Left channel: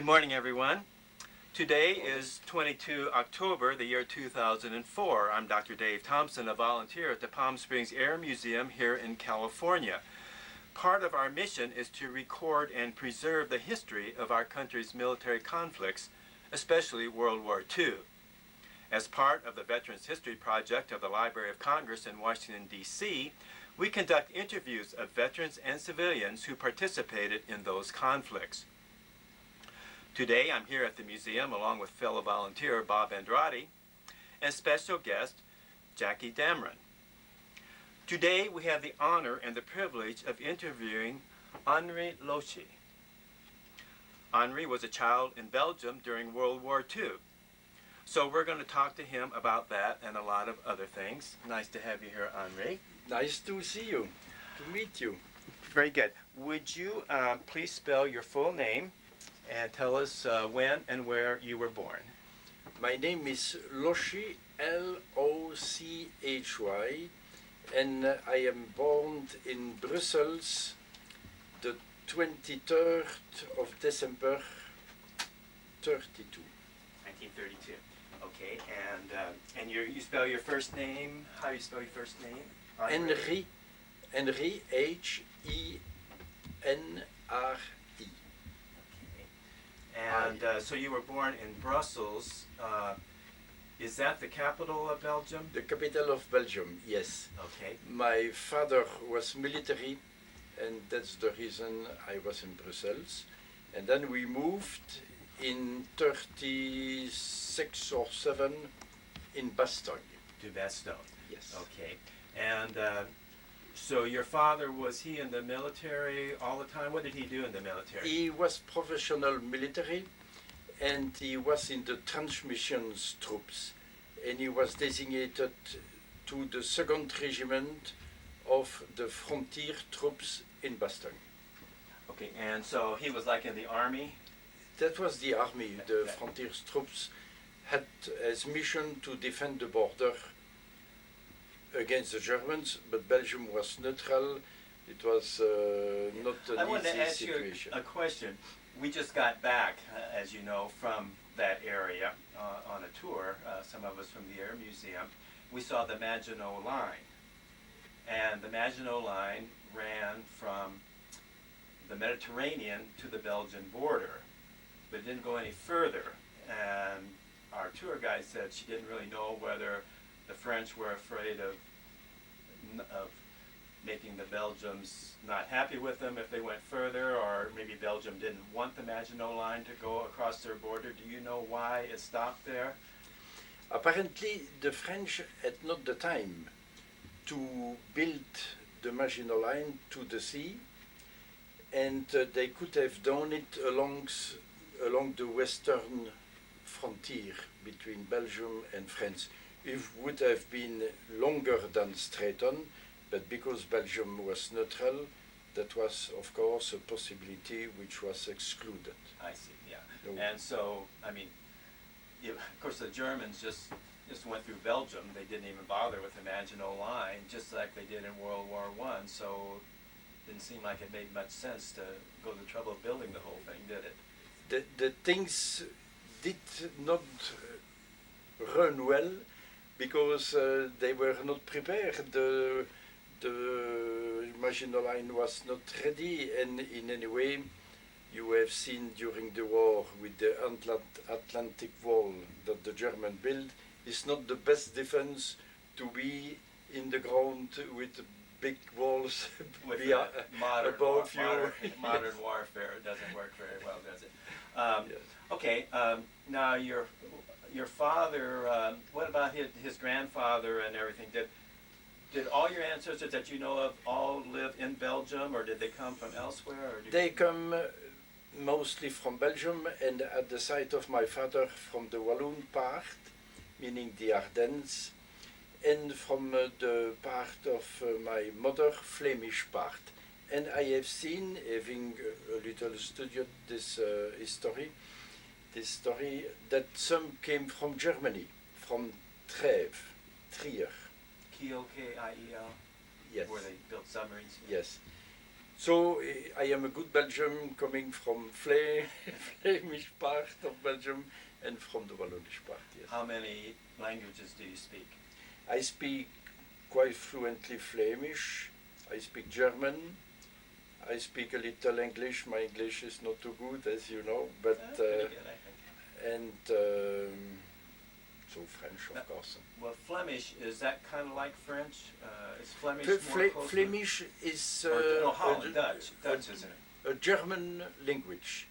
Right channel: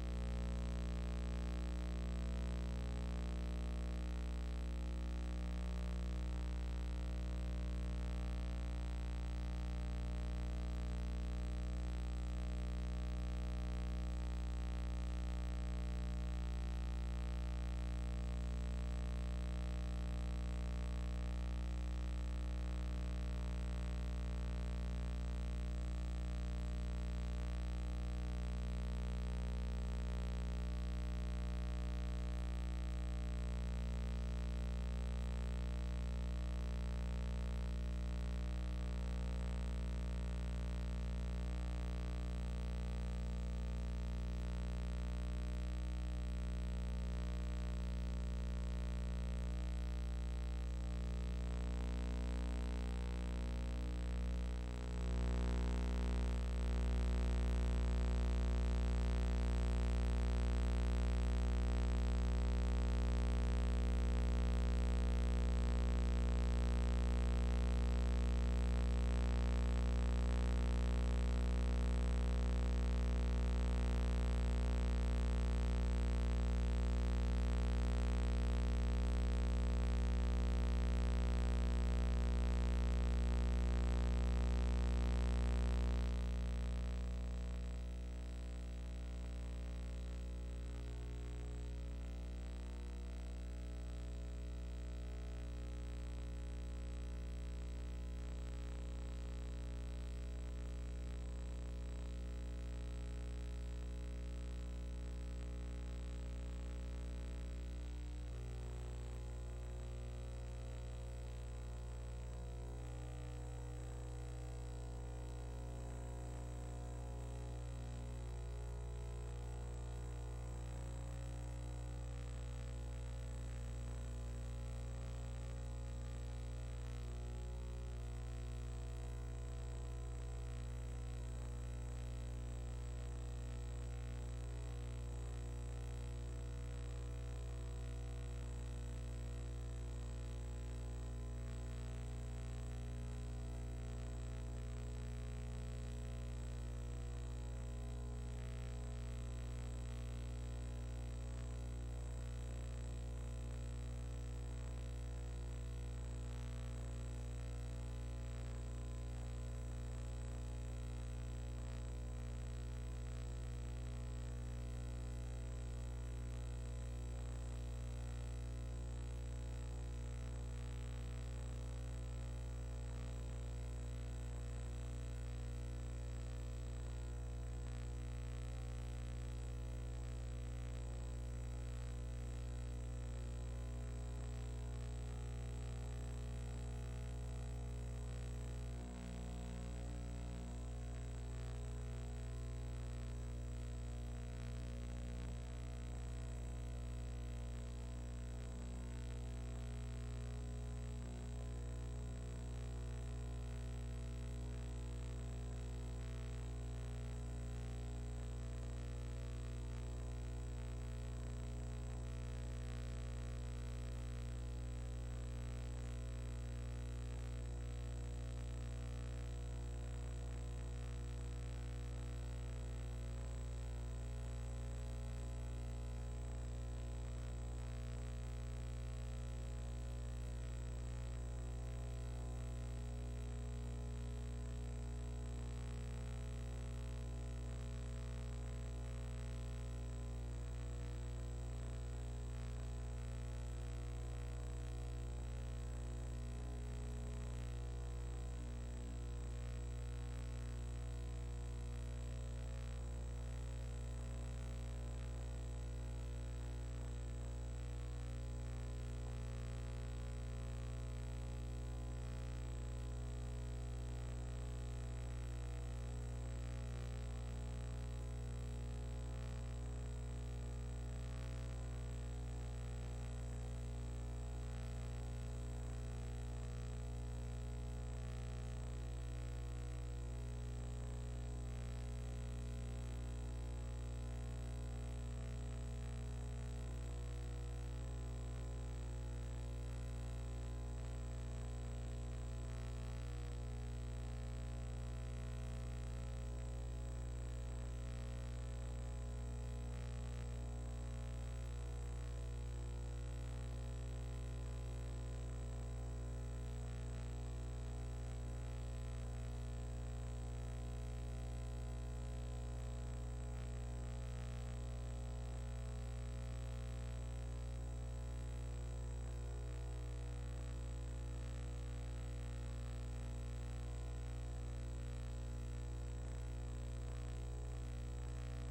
Good morning, everyone. Today is 22 October, the year 2004. I'm Dr. Dave Thompson, a volunteer at the Palm Springs Air Museum here in California. Part of our mission is to record and preserve the history of our country's military conflicts, especially World War II. As part of the Veterans History Project of the Library of Congress in Washington, D.C., we conduct interviews of veterans and civilians who participated in those conflicts. Today, I'm here at the museum along with fellow volunteer Bob Andrade and special guest Jackie Damron. Today, we have the honor and the privilege of interviewing Henri Lochy. Henri was a child in Belgium during World War II. So we're going to talk to him about that and a lot of other things. Nice to have you here, Henri. Nice to see you, to meet you. Very good. Would you please spell your full name and tell us when and where you were born? My name is Lochy, L-O-C-H-Y, and I am born in Brussels the 23rd of December 32. 1932. Okay, and you spell your first name? How do you spell your first name? Henri, Henri, H-E-N-R-I. And so you were born in Brussels. Is that the capital of Belgium? The capital of Belgium, yes. Okay. My father was military, and that's the reason I was in Brussels. And then we moved in 36 or 7 in Bastogne. To Bastogne. Yes. Okay. And so your father, was he in the military all the time? What did he do in the military? He was professional military, and he was in the transmissions troops, and he was designated to the 2nd Regiment of the frontier troops in Bastogne. Okay, and so he was like in the army? That was the army. The frontier troops had as mission to defend the border against the Germans, but Belgium was neutral. It was not an I wanted easy to ask situation. you a question. We just got back, as you know, from that area on a tour, some of us from the Air Museum. We saw the Maginot Line, and the Maginot Line ran from the Mediterranean to the Belgian border, but didn't go any further. And our tour guide said she didn't really know whether the French were afraid of making the Belgians not happy with them if they went further, or maybe Belgium didn't want the Maginot Line to go across their border. Do you know why it stopped there? Apparently, the French had not the time to build the Maginot Line to the sea, and they could have done it along the western frontier between Belgium and France. It would have been longer than straight on, but because Belgium was neutral, that was, of course, a possibility which was excluded. I see, yeah. No. And so, I mean, of course, the Germans just went through Belgium. They didn't even bother with the Maginot Line, just like they did in World War I. So it didn't seem like it made much sense to go to the trouble of building the whole thing, did it? The things did not run well because they were not prepared. The Maginot Line was not ready, and in any way, you have seen during the war with the Atlantic Wall that the German built, is not the best defense to be in the ground with big walls With above you. Modern warfare, it doesn't work very well, does it? Yes. Okay, now your father, what about his grandfather and everything? Did all your ancestors that you know of all live in Belgium, or did they come from elsewhere? Or They come mostly from Belgium, and at the side of my father from the Walloon part, meaning the Ardennes, and from the part of my mother, Flemish part. And I have seen, having a little studied this history, that some came from Germany, from Trier. Kiel, K-I-E-L? Yes. Where they built submarines? Yes. So I am a good Belgian coming from Flemish part of Belgium and from the Wallonish part. Yes. How many languages do you speak? I speak quite fluently Flemish. I speak German. I speak a little English. My English is not too good, as you know, but Pretty good, I think. and so French, of course. Well, Flemish, is that kind of like French? Is Flemish more close? Flemish is Dutch, isn't it? a German language,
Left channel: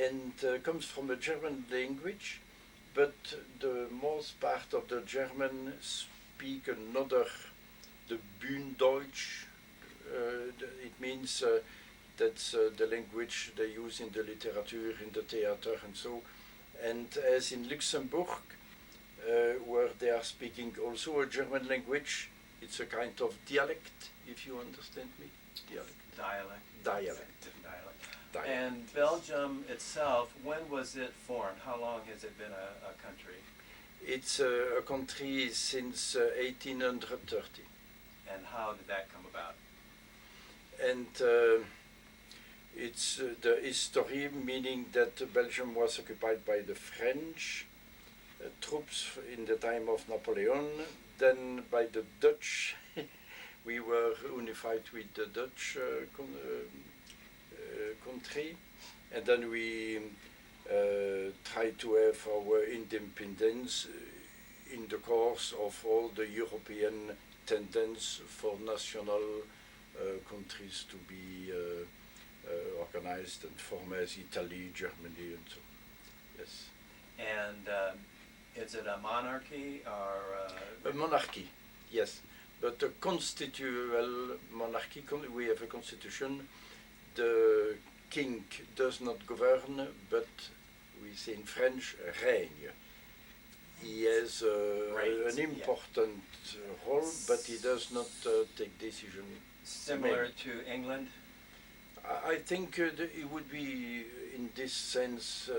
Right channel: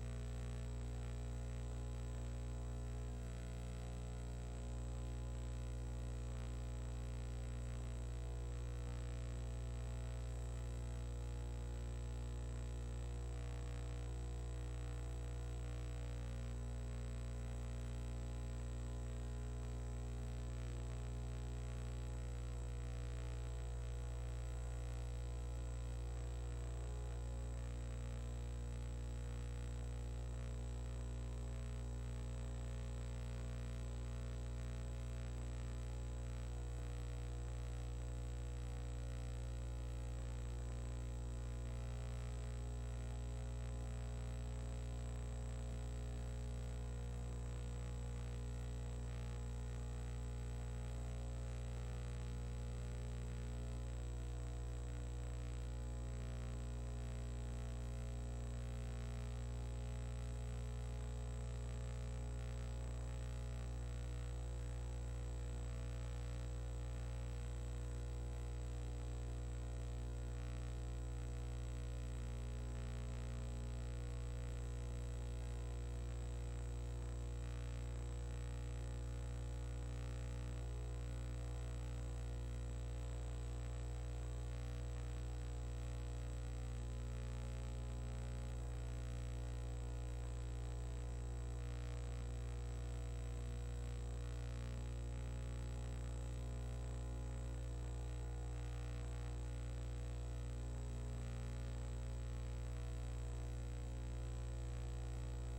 and comes from a German language, but the most part of the German speak another, the Bühnendeutsch. It means that's the language they use in the literature, in the theater, and so. And as in Luxembourg, where they are speaking also a German language, it's a kind of dialect, if you understand me. Dialect. Dialect. And Belgium itself, when was it formed? How long has it been a country? It's a country since 1830. And how did that come about? And it's the history, meaning that Belgium was occupied by the French troops in the time of Napoleon, then by the Dutch. We were unified with the Dutch country, and then we tried to have our independence in the course of all the European tendencies for national countries to be organized and formed as Italy, Germany, and so. Yes. And is it a monarchy or a monarchy? Yes, but a constitutional monarchy. We have a constitution. The king does not govern, but we say in French, règne. He has an important role, but he does not take decision. Similar to England? I think it would be, in this sense,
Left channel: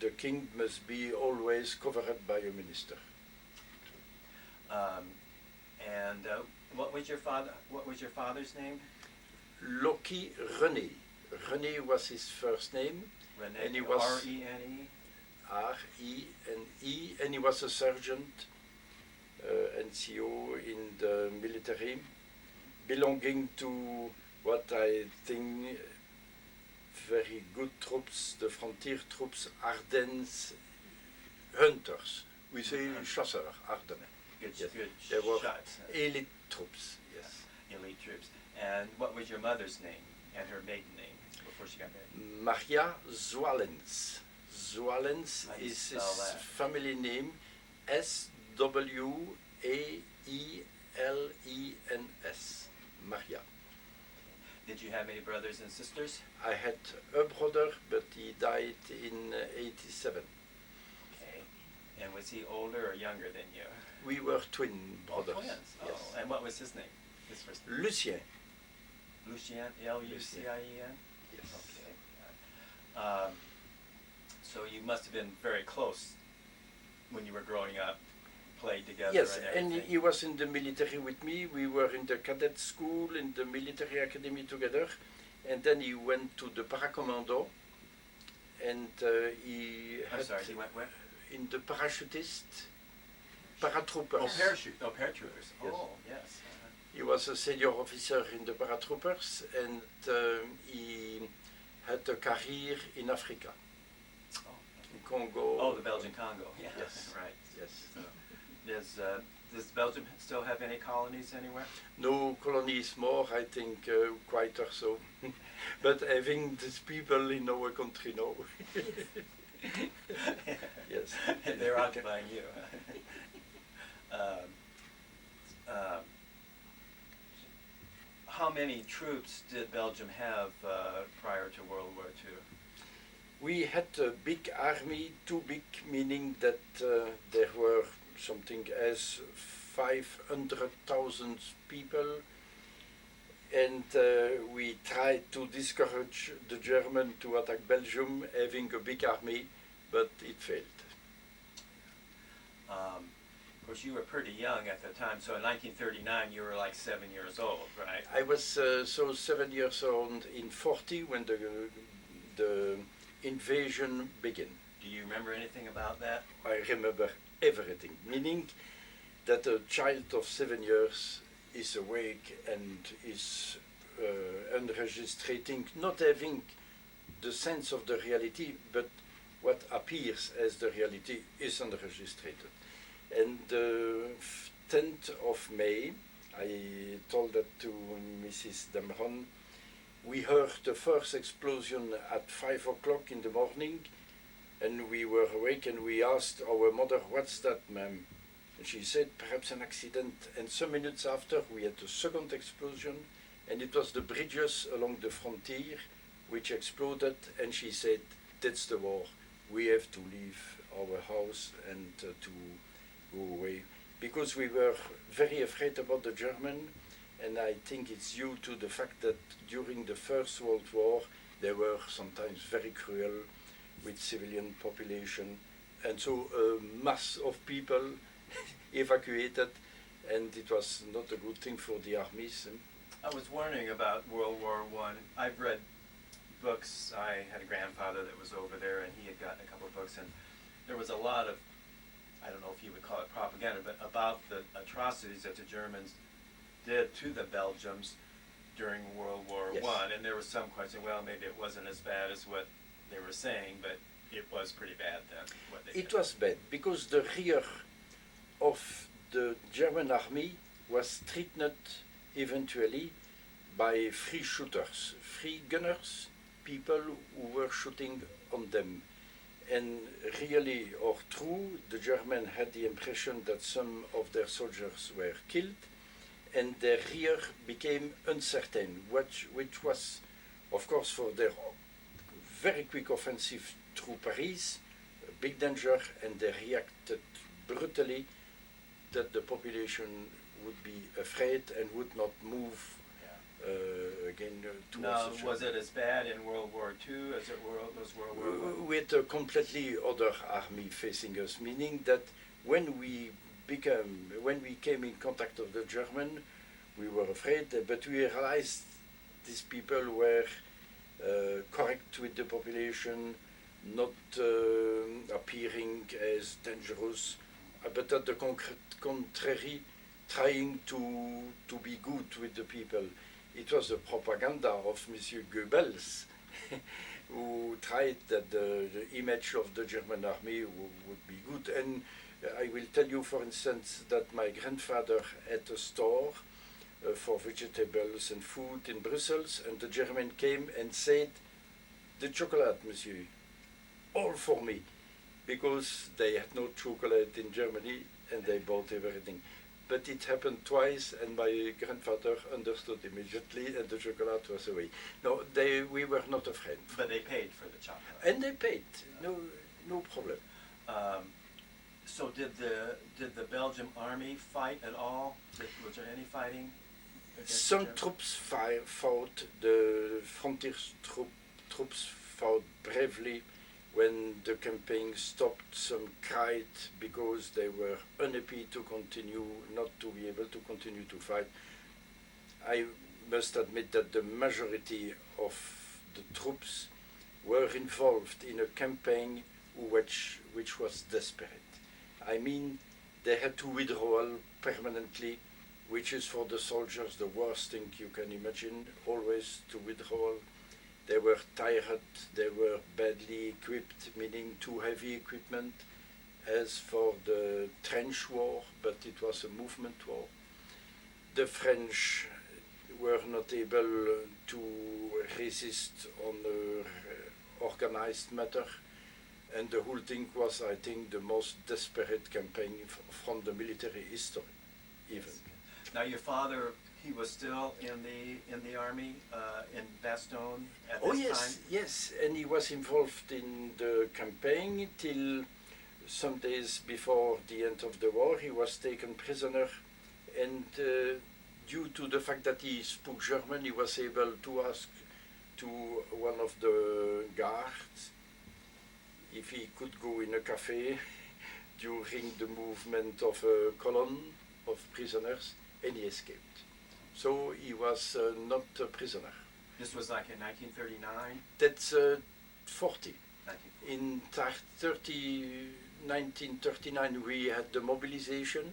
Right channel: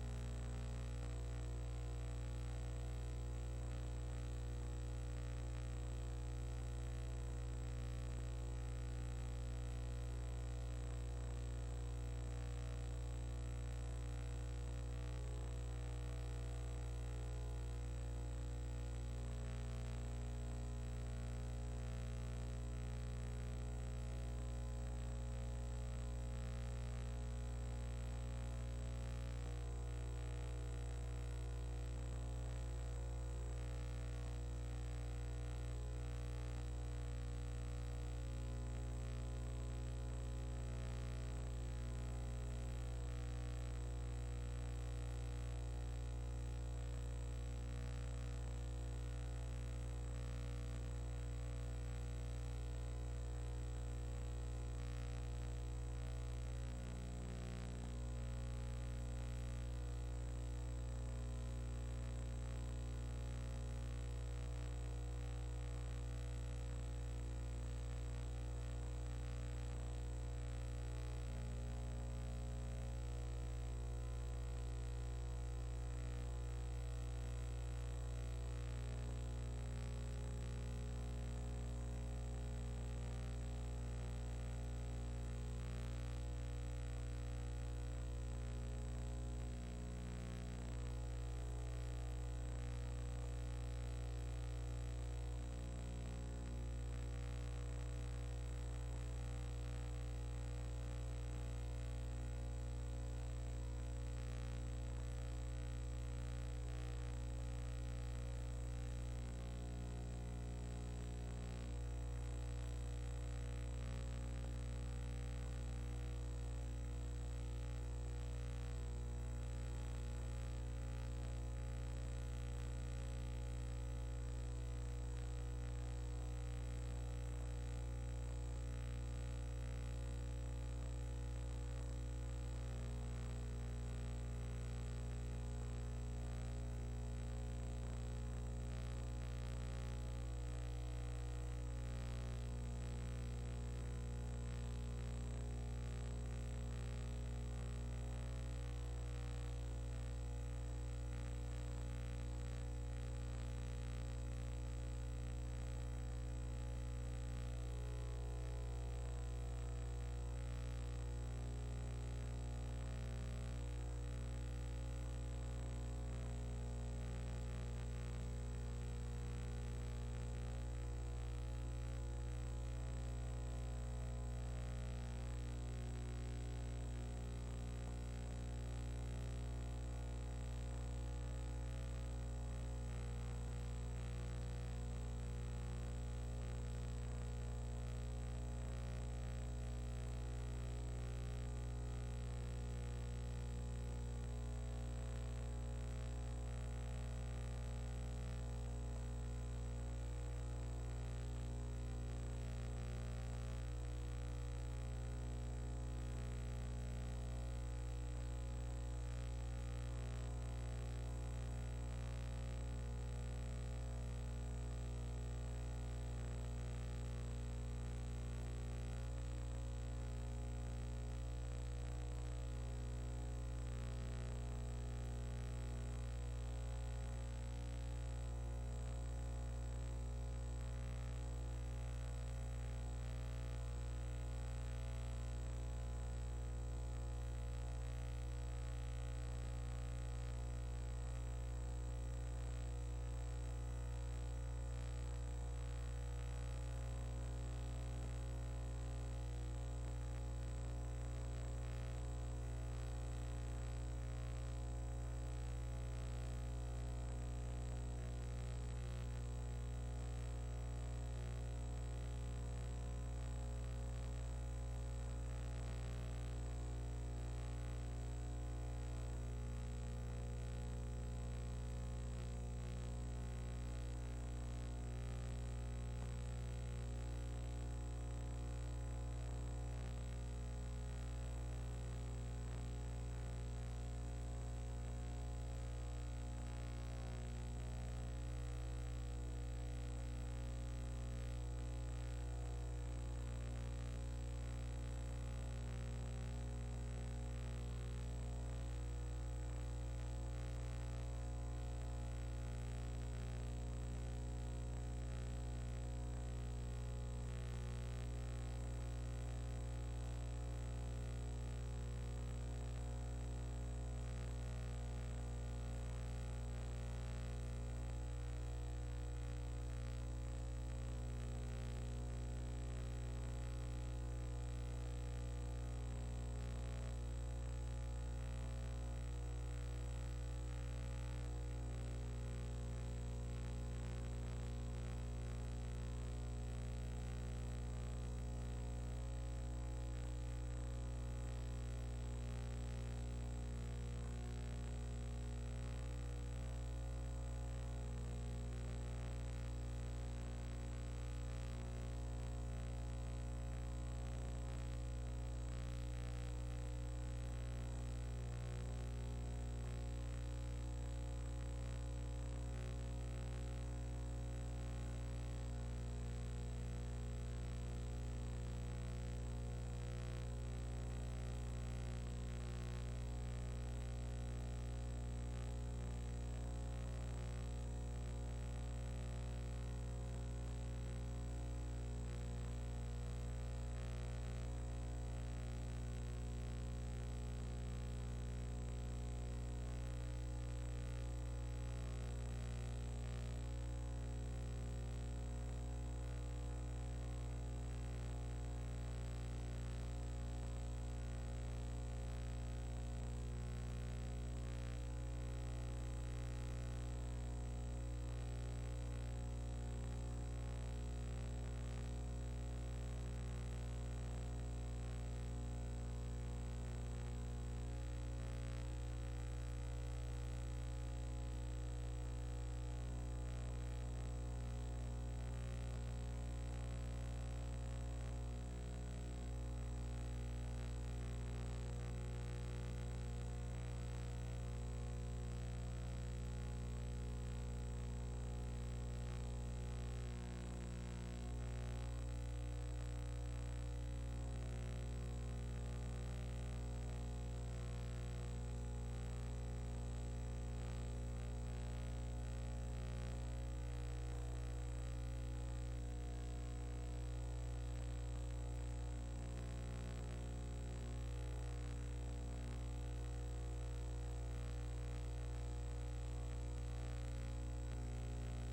the king must be always covered by a minister. And what was your father's name? Lochy René. René was his first name. René, and he was R-E-N-E? R-E-N-E, and he was a sergeant, NCO in the military, belonging to what I think very good troops, the frontier troops, Ardennes hunters. We say chasseurs, Ardennes. Good, Yes. good They were shots. elite troops. Yes. Elite troops. And what was your mother's name and her maiden name before she got married? Maria Zwalens. Zwalens How do you is his spell that? family name, S-W-A-E-L-E-N-S. Maria. Did you have any brothers and sisters? I had a brother, but he died in 87. Okay. And was he older or younger than you? We were twin brothers. Twins. Yes. Oh, and what was his name? His first name? Lucien. Lucien, L-U-C-I-E-N? Yes. Okay. So you must have been very close when you were growing up, played together. Yes, and and everything. he was in the military with me. We were in the cadet school, in the military academy together, and then he went to the paracommando, and he I'm had sorry, he went where? in the parachutist, paratroopers. Oh, parachute. Oh, paratroopers. Yes. Oh, yes. He was a senior officer in the paratroopers, and he had a career in Africa, in Congo. Oh, the Belgian Congo. Yeah. Yes. Right. Yes. Does Belgium still have any colonies anywhere? No colonies more, I think, quite or so. But having these people in our country now. Yes. And they're occupying you. How many troops did Belgium have prior to World War II? We had a big army, too big, meaning that there were something as 500,000 people, and we tried to discourage the German to attack Belgium having a big army, but it failed. Of course, you were pretty young at the time, so in 1939 you were like 7 years old, right? I was so 7 years old in 40 when the invasion began. Do you remember anything about that? I remember everything, meaning that a child of 7 years is awake and is unregistrating, not having the sense of the reality, but what appears as the reality is unregistrated. And the 10th of May, I told that to Mrs. Damron, we heard the first explosion at 5 o'clock in the morning, and we were awake and we asked our mother, "What's that, ma'am?" And she said, "Perhaps an accident." And some minutes after, we had the second explosion, and it was the bridges along the frontier which exploded, and she said, "That's the war. We have to leave our house and to go away." Because we were very afraid about the German, and I think it's due to the fact that during the First World War they were sometimes very cruel with civilian population, and so a mass of people evacuated, and it was not a good thing for the armies. I was wondering about World War I. I've read books. I had a grandfather that was over there, and he had gotten a couple of books, and there was a lot of, I don't know if you would call it propaganda, but about the atrocities that the Germans did to the Belgians during World War Yes. I. And there was some question, well, maybe it wasn't as bad as what they were saying, but it was pretty bad then. What they It did. was bad because the rear of the German army was threatened eventually by free shooters, free gunners, people who were shooting on them. And really or true, the Germans had the impression that some of their soldiers were killed, and their rear became uncertain, which was, of course, for their very quick offensive through Paris, a big danger, and they reacted brutally that the population would be afraid and would not move again towards Now, the was Germans. it as bad in World War II as it was World War I? With a completely other army facing us, meaning that when we came in contact with the German, we were afraid, but we realized these people were correct with the population, not appearing as dangerous, but at the contrary, trying to be good with the people. It was the propaganda of Monsieur Goebbels who tried that the image of the German army would be good. And I will tell you, for instance, that my grandfather had a store for vegetables and food in Brussels, and the German came and said, "The chocolate, monsieur, all for me," because they had no chocolate in Germany and they bought everything. But it happened twice, and my grandfather understood immediately, and the chocolate was away. No, we were not afraid. But they paid for the chocolate. And they paid, no problem. So did the Belgian army fight at all? Was there any fighting? against Some the Germans? troops fought, the frontier troops fought bravely when the campaign stopped. Some cried because they were unhappy to continue, not to be able to continue to fight. I must admit that the majority of the troops were involved in a campaign which was desperate. I mean, they had to withdraw permanently, which is for the soldiers the worst thing you can imagine, always to withdraw. They were tired, they were badly equipped, meaning too heavy equipment, as for the trench war, but it was a movement war. The French were not able to resist on the organized matter, and the whole thing was, I think, the most desperate campaign from the military history, even. Now your father, he was still in the army in Bastogne at this time? Yes, and he was involved in the campaign till some days before the end of the war. He was taken prisoner, and due to the fact that he spoke German, he was able to ask to one of the guards if he could go in a cafe during the movement of a column of prisoners, and he escaped. So he was not a prisoner. This was like in 1939? That's 40. 1940. In 1939 we had the mobilization,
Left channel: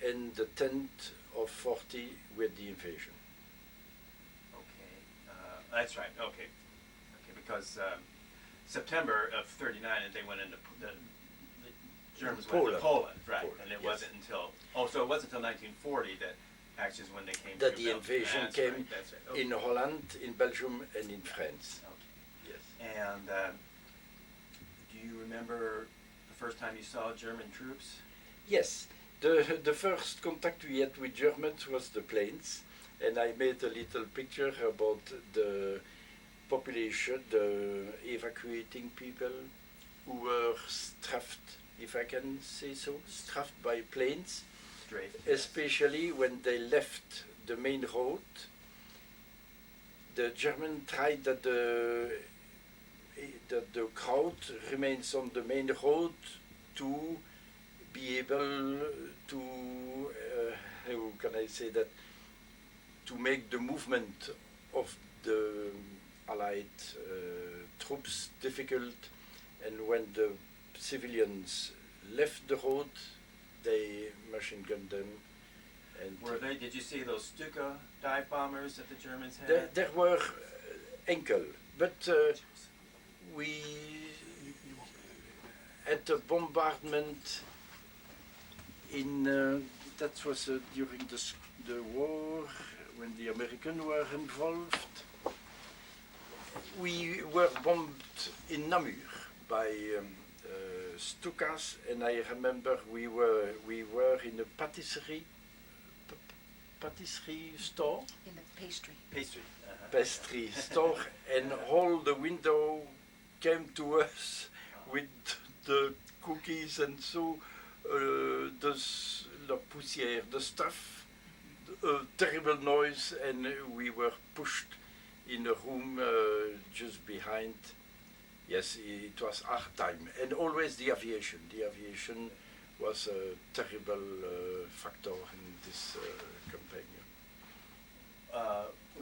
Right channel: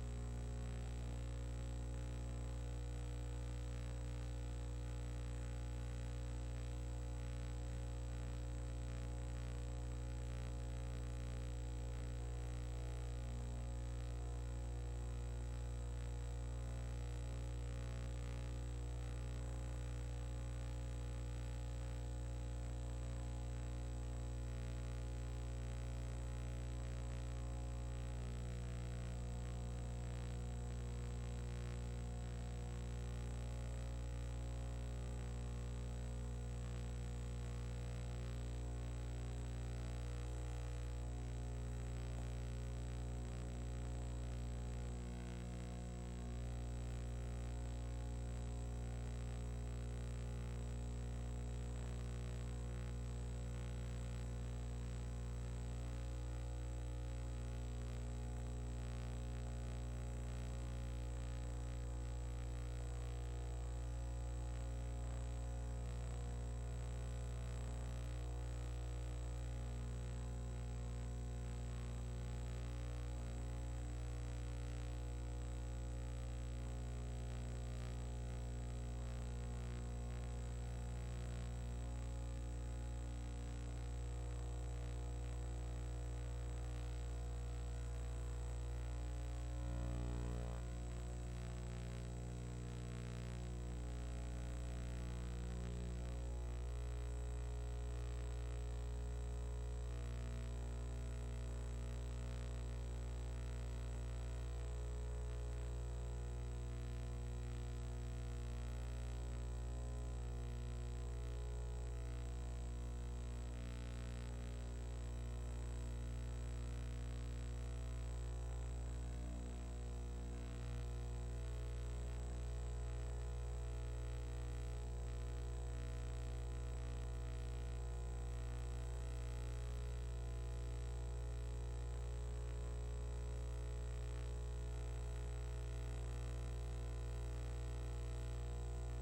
and the 10th of 40 with the invasion. Okay, that's right. Okay, because September of '39, they went into the Germans went into Poland, right? Poland, and it yes. wasn't until so it wasn't until 1940 that actually is when they came. That through the Belgium. invasion That's came right, that's right. Okay. in Holland, in Belgium, and in France. Okay. Yes. And do you remember the first time you saw German troops? Yes. The first contact we had with Germans was the planes, and I made a little picture about the population, the evacuating people who were strafed, if I can say so, strafed by planes, especially when they left the main road. The German tried that the crowd remains on the main road to be able to, how can I say that, to make the movement of the Allied troops difficult, and when the civilians left the road, they machine gunned them. And did you see those Stuka dive bombers that the Germans had? there were enkel, but we had a bombardment in that was during the war when the Americans were involved. We were bombed in Namur by Stukas, and I remember we were in a patisserie store. In the pastry. Pastry store, and all the window came to us with the cookies, and so the poussière, the stuff, terrible noise, and we were pushed in a room just behind. Yes, it was hard time, and always the aviation. The aviation was a terrible factor in this campaign.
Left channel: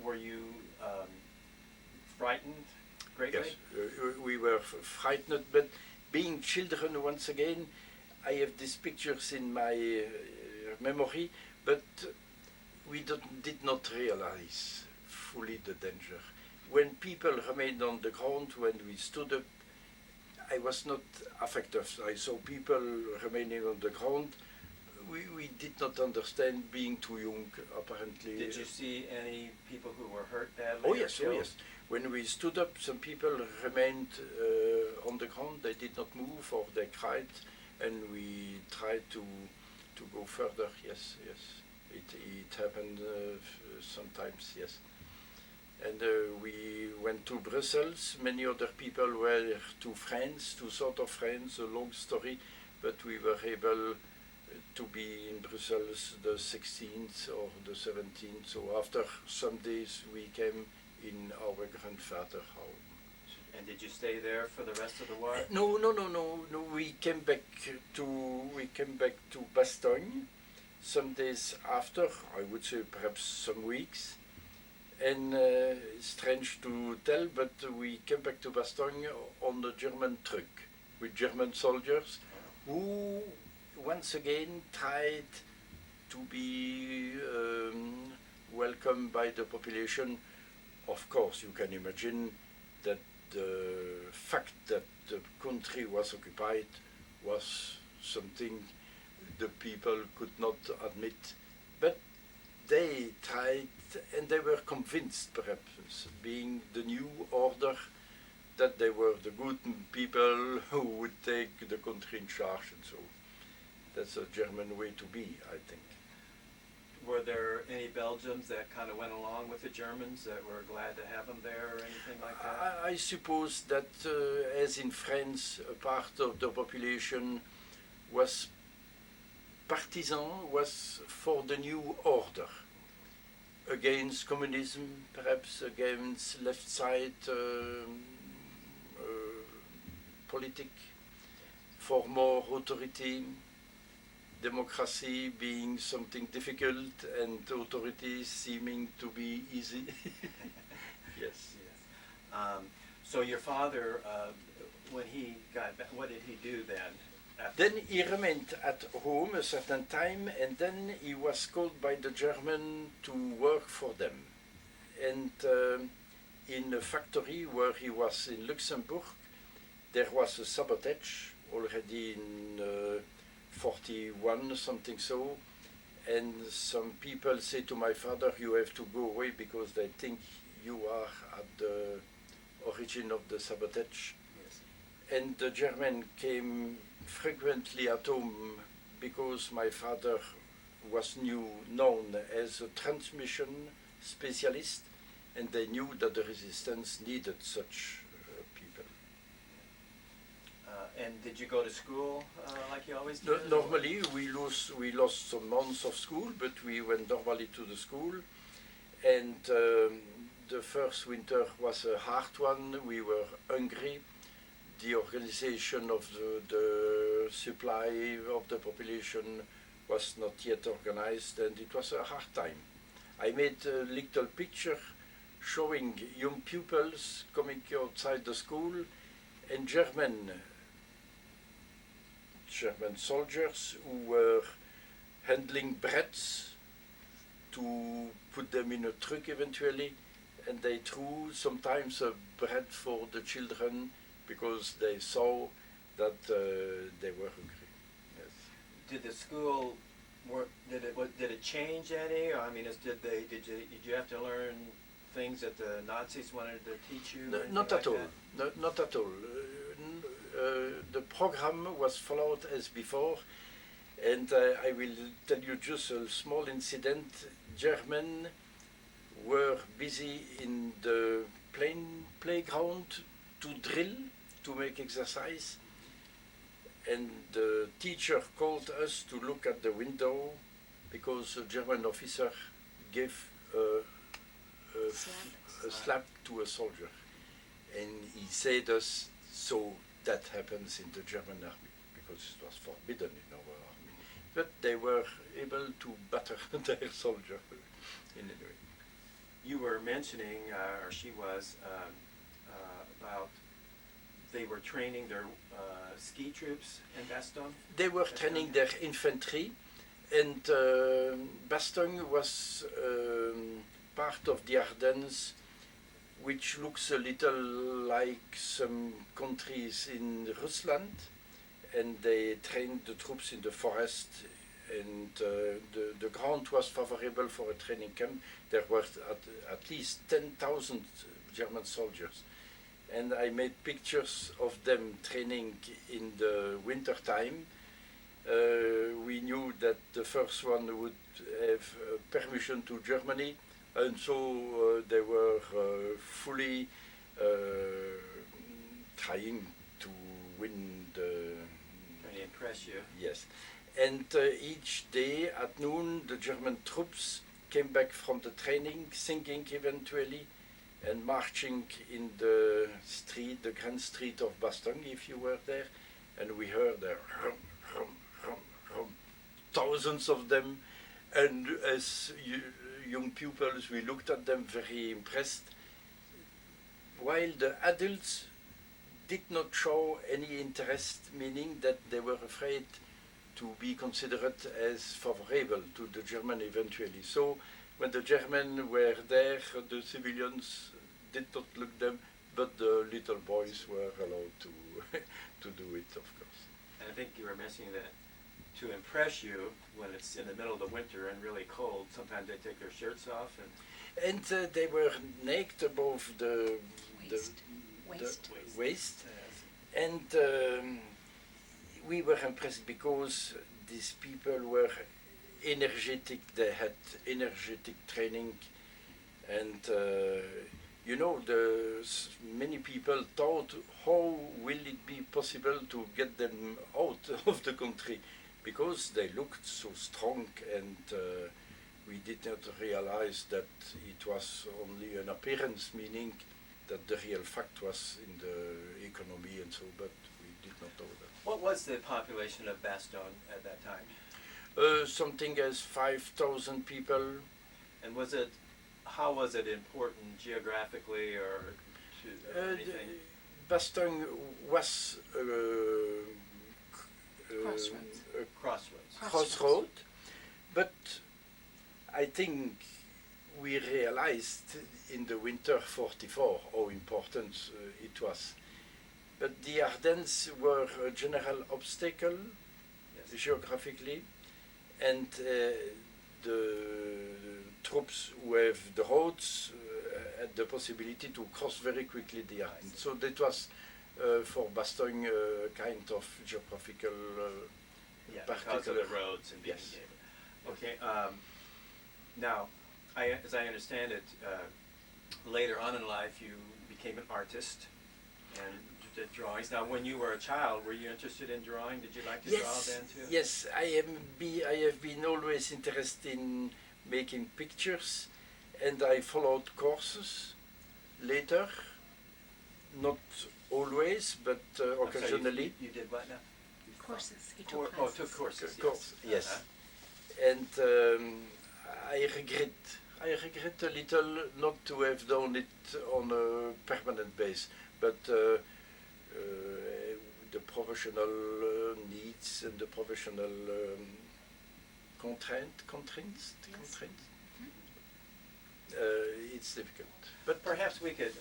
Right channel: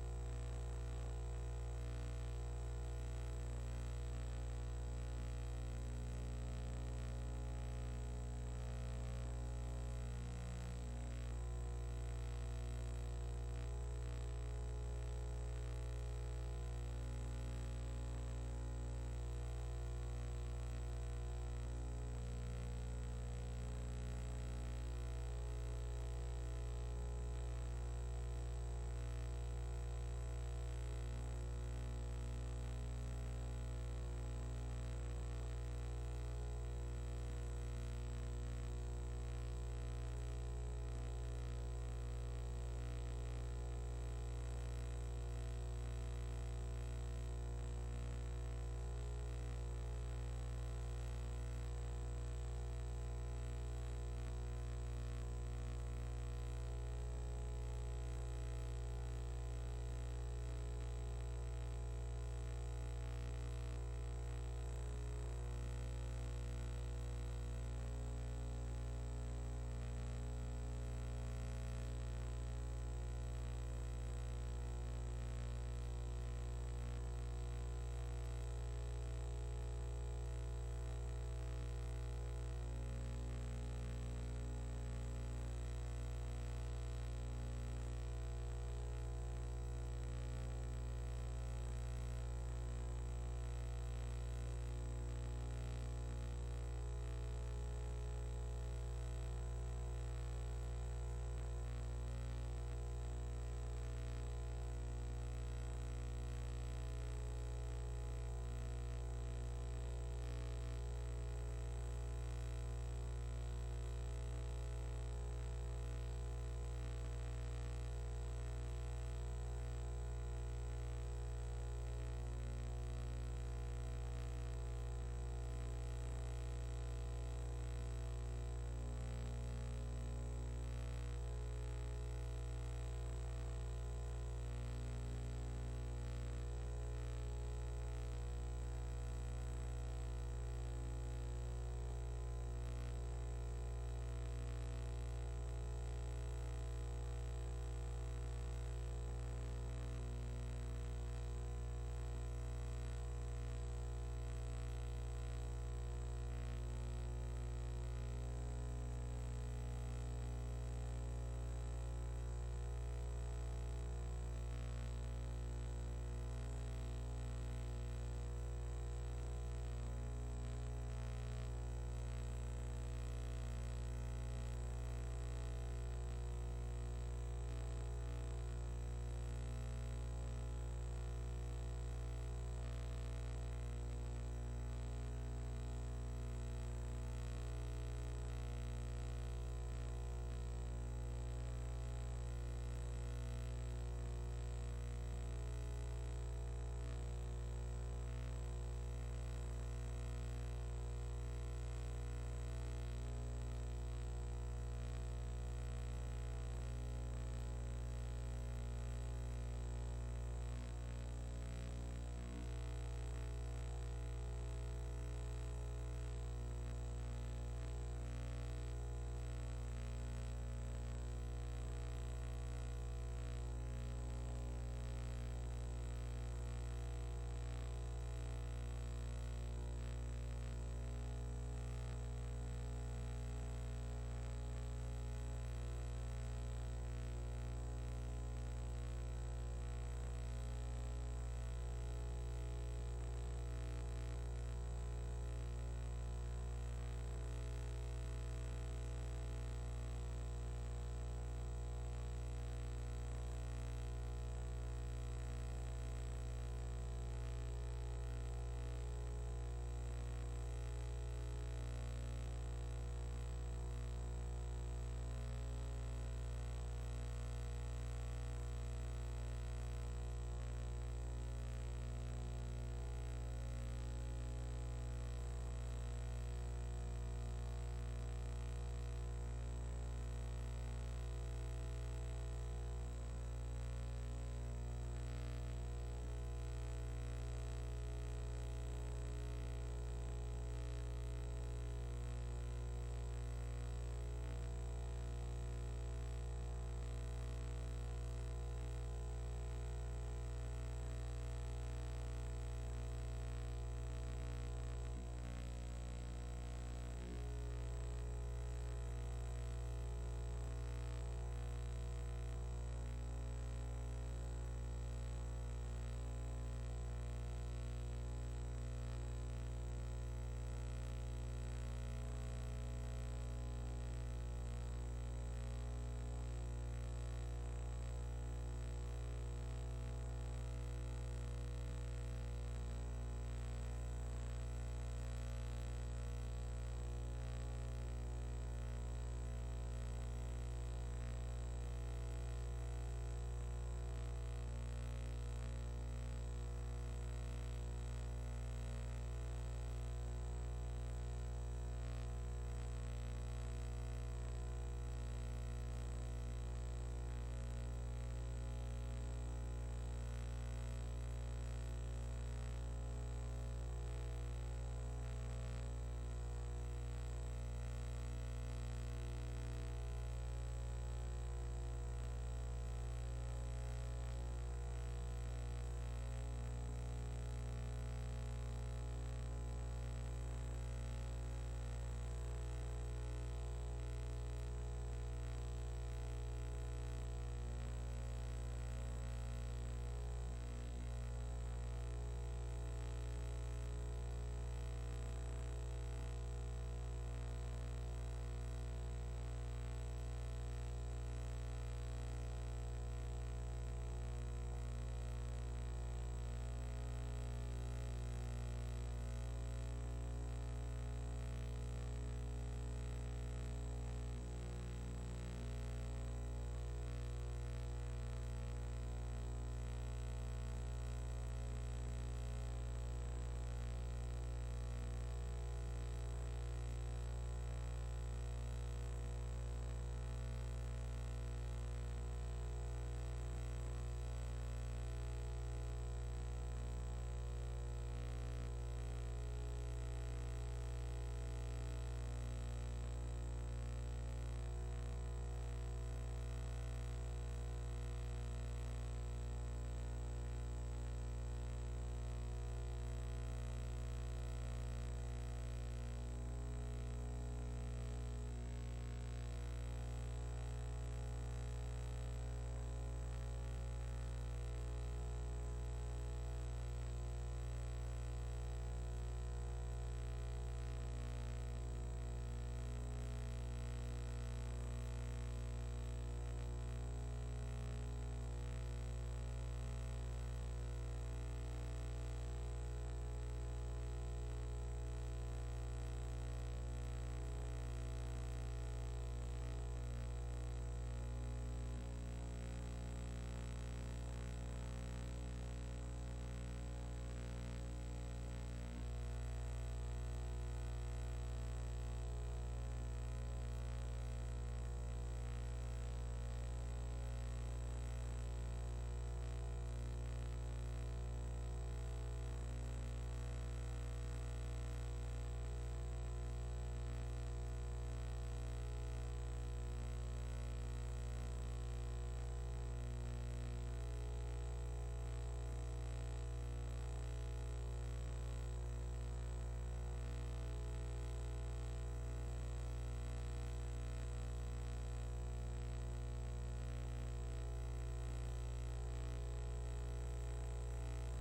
Were you frightened greatly? Yes, we were frightened, but being children, once again, I have these pictures in my memory, but we did not realize fully the danger. When people remained on the ground, when we stood up, I was not affected. I saw people remaining on the ground. We did not understand, being too young, apparently. Did you see any people who were hurt badly? Oh yes, oh yes. When we stood up, some people remained on the ground. They did not move, or they cried, and we tried to go further. Yes, yes. It happened sometimes. Yes. And we went to Brussels. Many other people were to France, to south of France. A long story, but we were able to be in Brussels the 16th or the 17th. So after some days, we came in our grandfather's home. And did you stay there for the rest of the war? No. We came back to Bastogne some days after. I would say perhaps some weeks. And strange to tell, but we came back to Bastogne on a German truck with German soldiers who once again tried to be welcomed by the population. Of course, you can imagine that the fact that the country was occupied was something the people could not admit, but they tried, and they were convinced, perhaps, being the new order, that they were the good people who would take the country in charge, and so that's a German way to be, I think. Were there any Belgians that kind of went along with the Germans that were glad to have them there or anything like that? I suppose that, as in France, a part of the population was partisan, was for the new order, against communism, perhaps against left side politic, for more authority. democracy being something difficult and authorities seeming to be easy. Yes. So your father, when he got back, what did he do then? Then he remained at home a certain time, and then he was called by the German to work for them. And in a factory where he was in Luxembourg, there was a sabotage already in 41, something so. And some people say to my father, you have to go away because they think you are at the origin of the sabotage. Yes. And the German came frequently at home because my father was known as a transmission specialist, and they knew that the resistance needed such people. And did you go to school like you always did? Normally, we lost some months of school, but we went normally to the school. And the first winter was a hard one. We were hungry. The organization of the supply of the population was not yet organized, and it was a hard time. I made a little picture showing young pupils coming outside the school and German soldiers who were handling breads to put them in a truck eventually, and they threw sometimes a bread for the children because they saw that they were hungry. Yes. Did the school work? Did it change any? Or, I mean, did you have to learn things that the Nazis wanted to teach you? No, or not anything at like all. that? Not at all. The program was followed as before, and I will tell you just a small incident. German were busy in the playground to drill, to make exercise, and the teacher called us to look at the window because a German officer gave a slap to a soldier, and he said us, so that happens in the German army, because it was forbidden in our army, but they were able to batter their soldier in a way. You were mentioning, or she was, about they were training their ski troops in Bastogne? They were training their infantry, and Bastogne was part of the Ardennes, which looks a little like some countries in Rusland, and they trained the troops in the forest, and the ground was favorable for a training camp. There were at least 10,000 German soldiers, and I made pictures of them training in the winter time. We knew that the first one would have permission to Germany, and so they were fully trying to win the... Really impress you? Yes. And each day at noon, the German troops came back from the training, singing eventually, and marching in the street, the grand street of Bastogne, if you were there, and we heard the rum, rum, rum, rum, thousands of them, and as young pupils, we looked at them very impressed, while the adults did not show any interest, meaning that they were afraid to be considered as favorable to the German eventually. So when the German were there, the civilians did not look them, but the little boys were allowed to to do it, of course. And I think you were mentioning that to impress you when it's in the middle of the winter and really cold, sometimes they take their shirts off and they were naked above the waist. And we were impressed because these people were energetic, they had energetic training, and you know, many people thought, how will it be possible to get them out of the country, because they looked so strong, and we did not realize that it was only an appearance, meaning that the real fact was in the economy and so, but we did not know that. What was the population of Bastogne at that time? Something as 5,000 people. And how was it important geographically or to anything? Bastogne was Crossroads. a crossroad, but I think we realized in the winter 44 how important it was. But the Ardennes were a general obstacle geographically, and the troops who have the roads had the possibility to cross very quickly the Ardennes. So that was for Bastogne kind of geographical Because of particular. the roads and being Yes. near. Okay. Now, as I understand it, later on in life you became an artist and did drawings. Now, when you were a child, were you interested in drawing? Did you like to draw then too? Yes, I have been always interested in making pictures, and I followed courses later, not always, but I'm sorry, occasionally. You did what now? Courses. He Took classes. courses. Yes. Uh-huh. And I regret a little not to have done it on a permanent base, but the professional needs and the professional constraints, it's difficult. But perhaps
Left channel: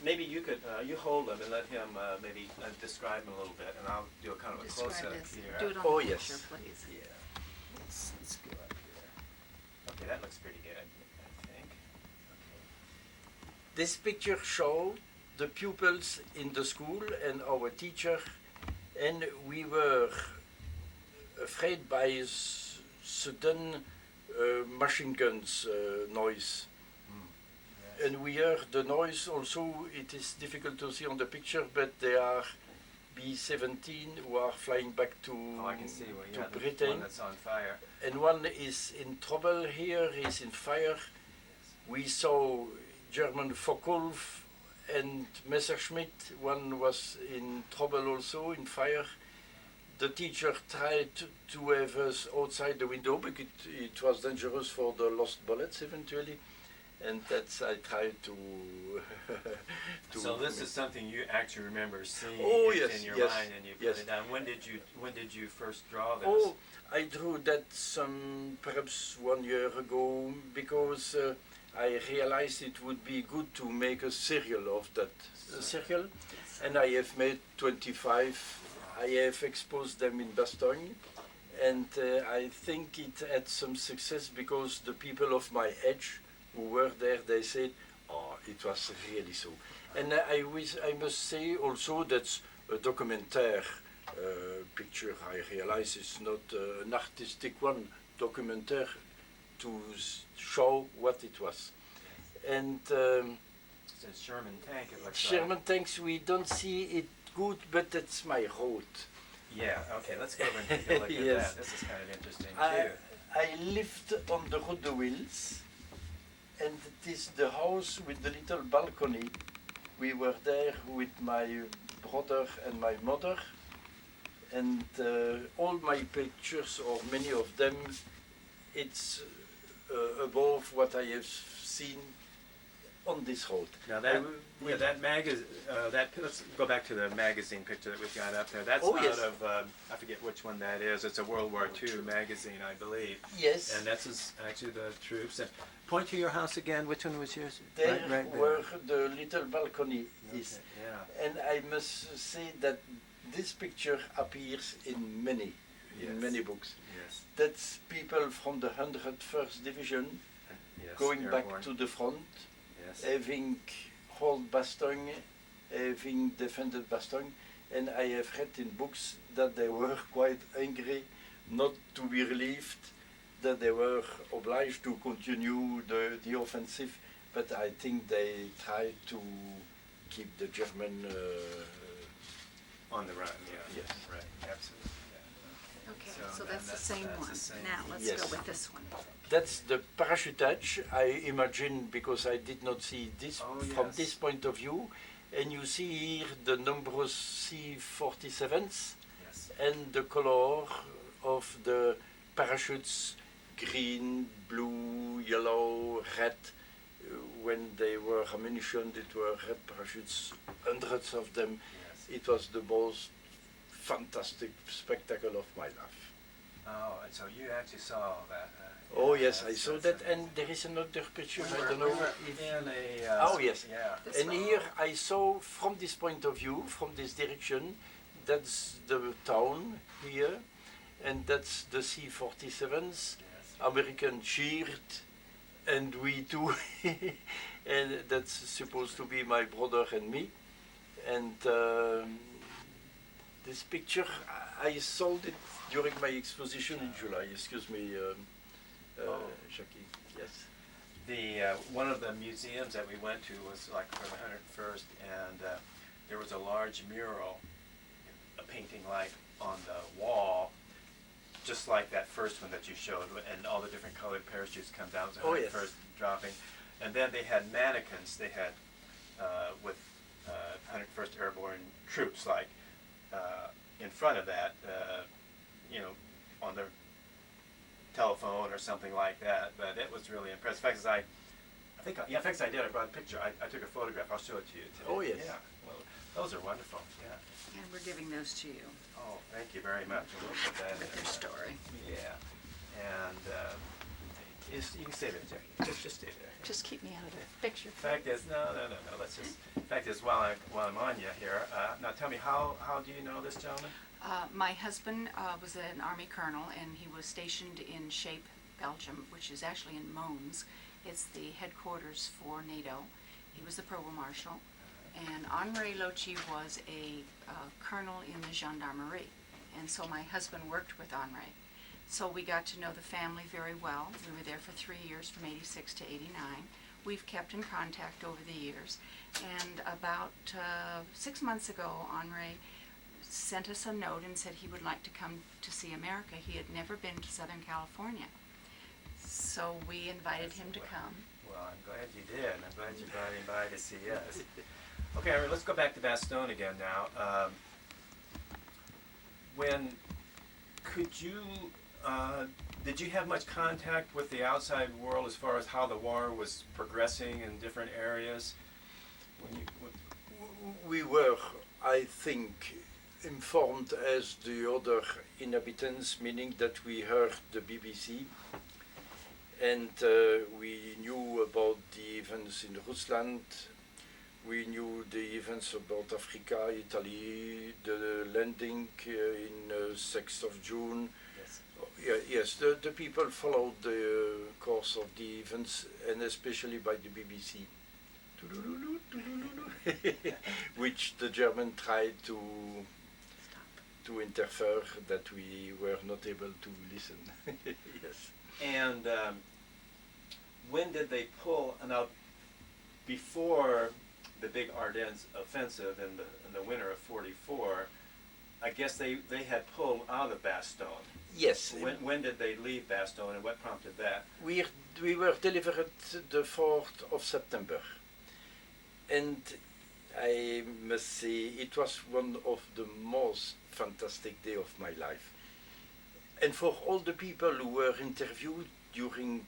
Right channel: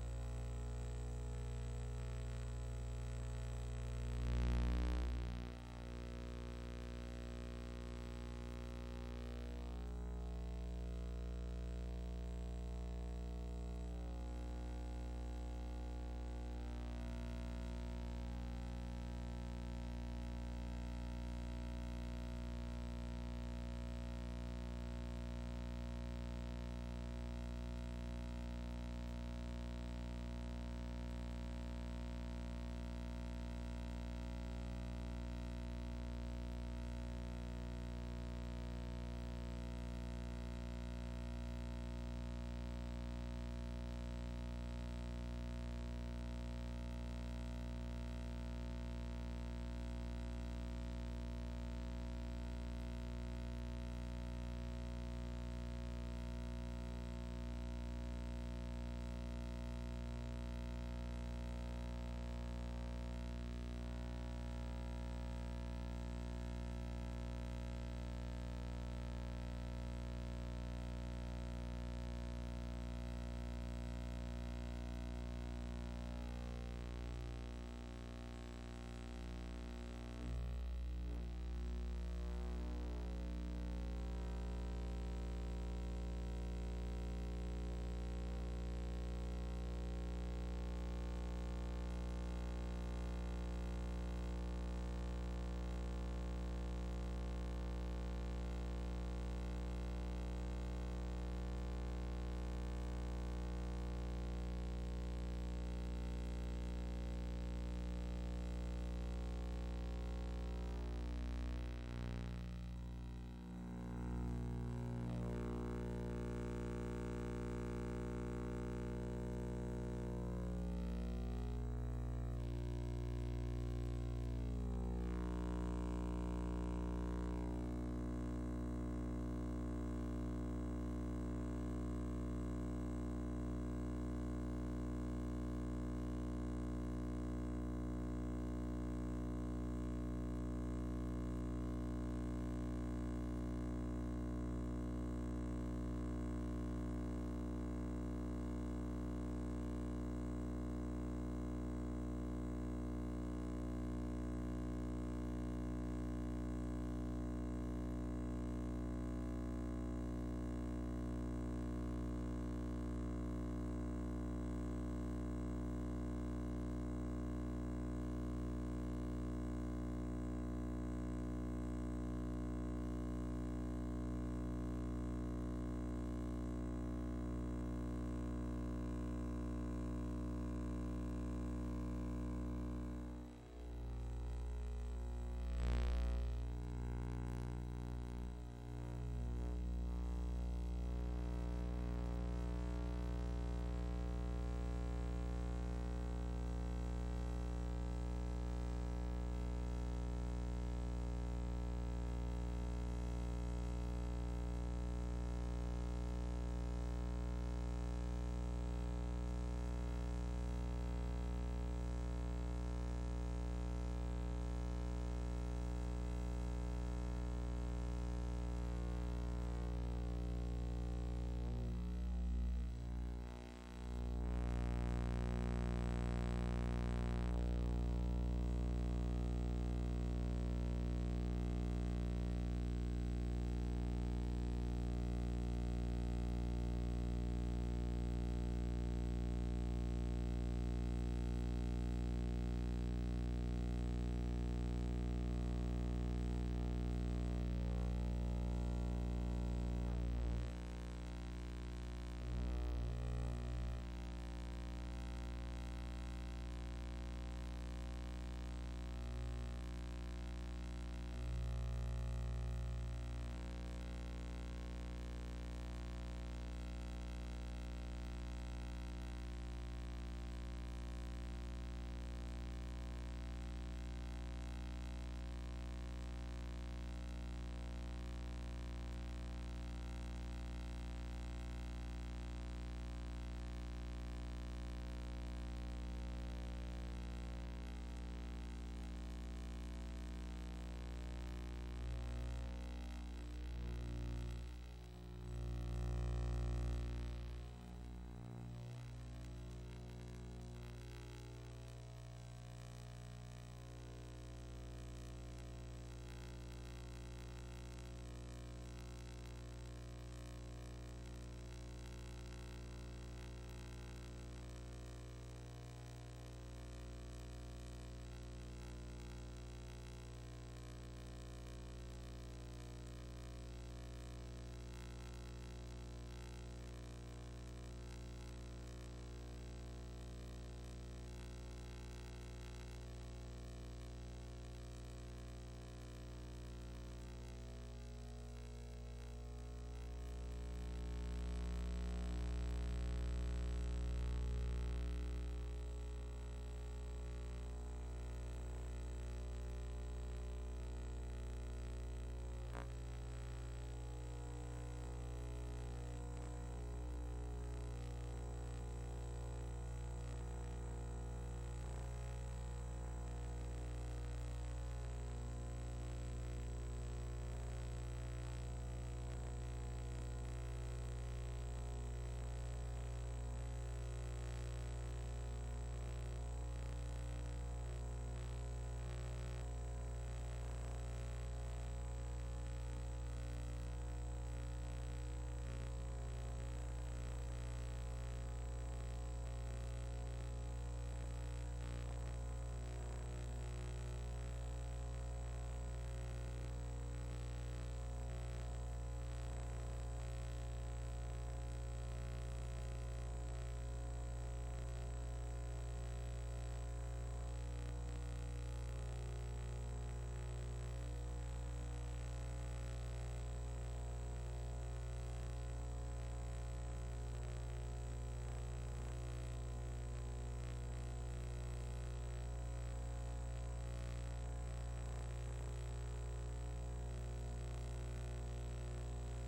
maybe you could, you hold them and let him maybe describe them a little bit, and I'll do a kind of a Describe close-up this. here. Do it on Oh, the yes. picture, please. Let's go up here. Okay, that looks pretty good, I think. This picture shows the pupils in the school and our teacher, and we were afraid by sudden machine guns noise. And we heard the noise also. It is difficult to see on the picture, but they are B-17 who are flying back to, Oh, I can see to the Britain. one that's on fire. And one is in trouble here, is in fire. We saw German Focke-Wulf and Messerschmitt. One was in trouble also, in fire. The teacher tried to have us outside the window because it was dangerous for the lost bullets eventually. And that's, I tried to... So this is something you actually remember seeing Oh, in yes, your yes, mind, and you yes. put it down. When did you first draw this? Oh, I drew that perhaps 1 year ago because I realized it would be good to make a serial of that serial, and I have made 25. I have exposed them in Bastogne, and I think it had some success because the people of my age who were there, they said, "Oh, it was really so." And I must say also that's a documentaire picture. I realize it's not an artistic one, documentaire to show what it was. And It's a Sherman tank, it looks Sherman like. tanks, we don't see it good, but that's my road. Yeah, okay, let's go over and take a look at Yes. that. This is kind of interesting I, too. I lived on the Route de Wils, and it is the house with the little balcony. We were there with my brother and my mother, and all my pictures, or many of them, it's above what I have seen on this road. Now that, that let's go back to the magazine picture that we've got up there. That's Oh, out yes. of, I forget which one that is. It's a World War II magazine, I believe. Yes. And that's actually the troops. Point to your house again. Which one was yours? There Right where the little balcony is. Yeah. And I must say that this picture appears in many books. Yes. That's people from the 101st Division Yes. going back Airborne. to the front, Yes. having held Bastogne, having defended Bastogne, and I have read in books that they were quite angry not to be relieved, that they were obliged to continue the offensive, but I think they tried to keep the German On the run. Yeah. Yes. Right. Absolutely. Okay, so that's the same that's one. the same. Now let's Yes. go with this one. That's the parachutage, I imagine, because I did not see this Oh, from yes. this point of view. And you see here the numbers C-47s Yes. and the color of the parachutes green, blue, yellow, red. When they were ammunition, it were red parachutes, hundreds of them. It was the most fantastic spectacle of my life. Oh, and so you actually saw that. Oh yes, I that's- saw that's that, and there is another picture. I don't know. we were if- in a. Oh yes, Yeah. This and one. here I saw from this point of view, from this direction, that's the town here, and that's the C-47s. American cheered, and we too, and that's supposed to be my brother and me. And this picture, I sold it during my exposition in July. Excuse me, Jackie. Yes. The one of the museums that we went to was like for the 101st, and there was a large mural, a painting like on the wall, just like that first one that you showed, and all the different colored parachutes come down to the Oh, yes. 101st dropping, and then they had mannequins. They had with 101st Airborne troops like in front of that, you know, on their telephone or something like that. But it was really impressive. In fact, in fact, I did. I brought a picture. I took a photograph. I'll show it to you today. Oh, yes. Yeah. Well, those are wonderful. Yeah. And we're giving those to you Oh, thank you very much. We'll put that with in their there. story. Yeah. And you can stay there, Jackie. Just stay there. Just keep me out of the picture. Fact is, no. Let's just. Fact is, while I'm on you here, now tell me, how do you know this gentleman? My husband was an Army colonel, and he was stationed in Shape, Belgium, which is actually in Mons. It's the headquarters for NATO. He was the provost marshal. And Henri Lochy was a colonel in the gendarmerie. And so my husband worked with Henri. So we got to know the family very well. We were there for 3 years, from 86 to 89. We've kept in contact over the years. And about 6 months ago, Henri sent us a note and said he would like to come to see America. He had never been to Southern California. So we invited him to come. Well, I'm glad you did. I'm glad you got invited to see us. Okay, Henri, let's go back to Bastogne again now. Did you have much contact with the outside world as far as how the war was progressing in different areas? We were, I think, informed as the other inhabitants, meaning that we heard the BBC, and we knew about the events in Rusland. We knew the events about Africa, Italy, the landing in 6th of June. Yes, the people followed the course of the events, and especially by the BBC, which the German tried to interfere, that we were not able to listen. Yes. And when did they pull, now, before the big Ardennes offensive in the winter of '44, I guess they had pulled out of Bastogne. Yes. When did they leave Bastogne, and what prompted that? We were delivered the 4th of September, and I must say it was one of the most fantastic day of my life. And for all the people who were interviewed during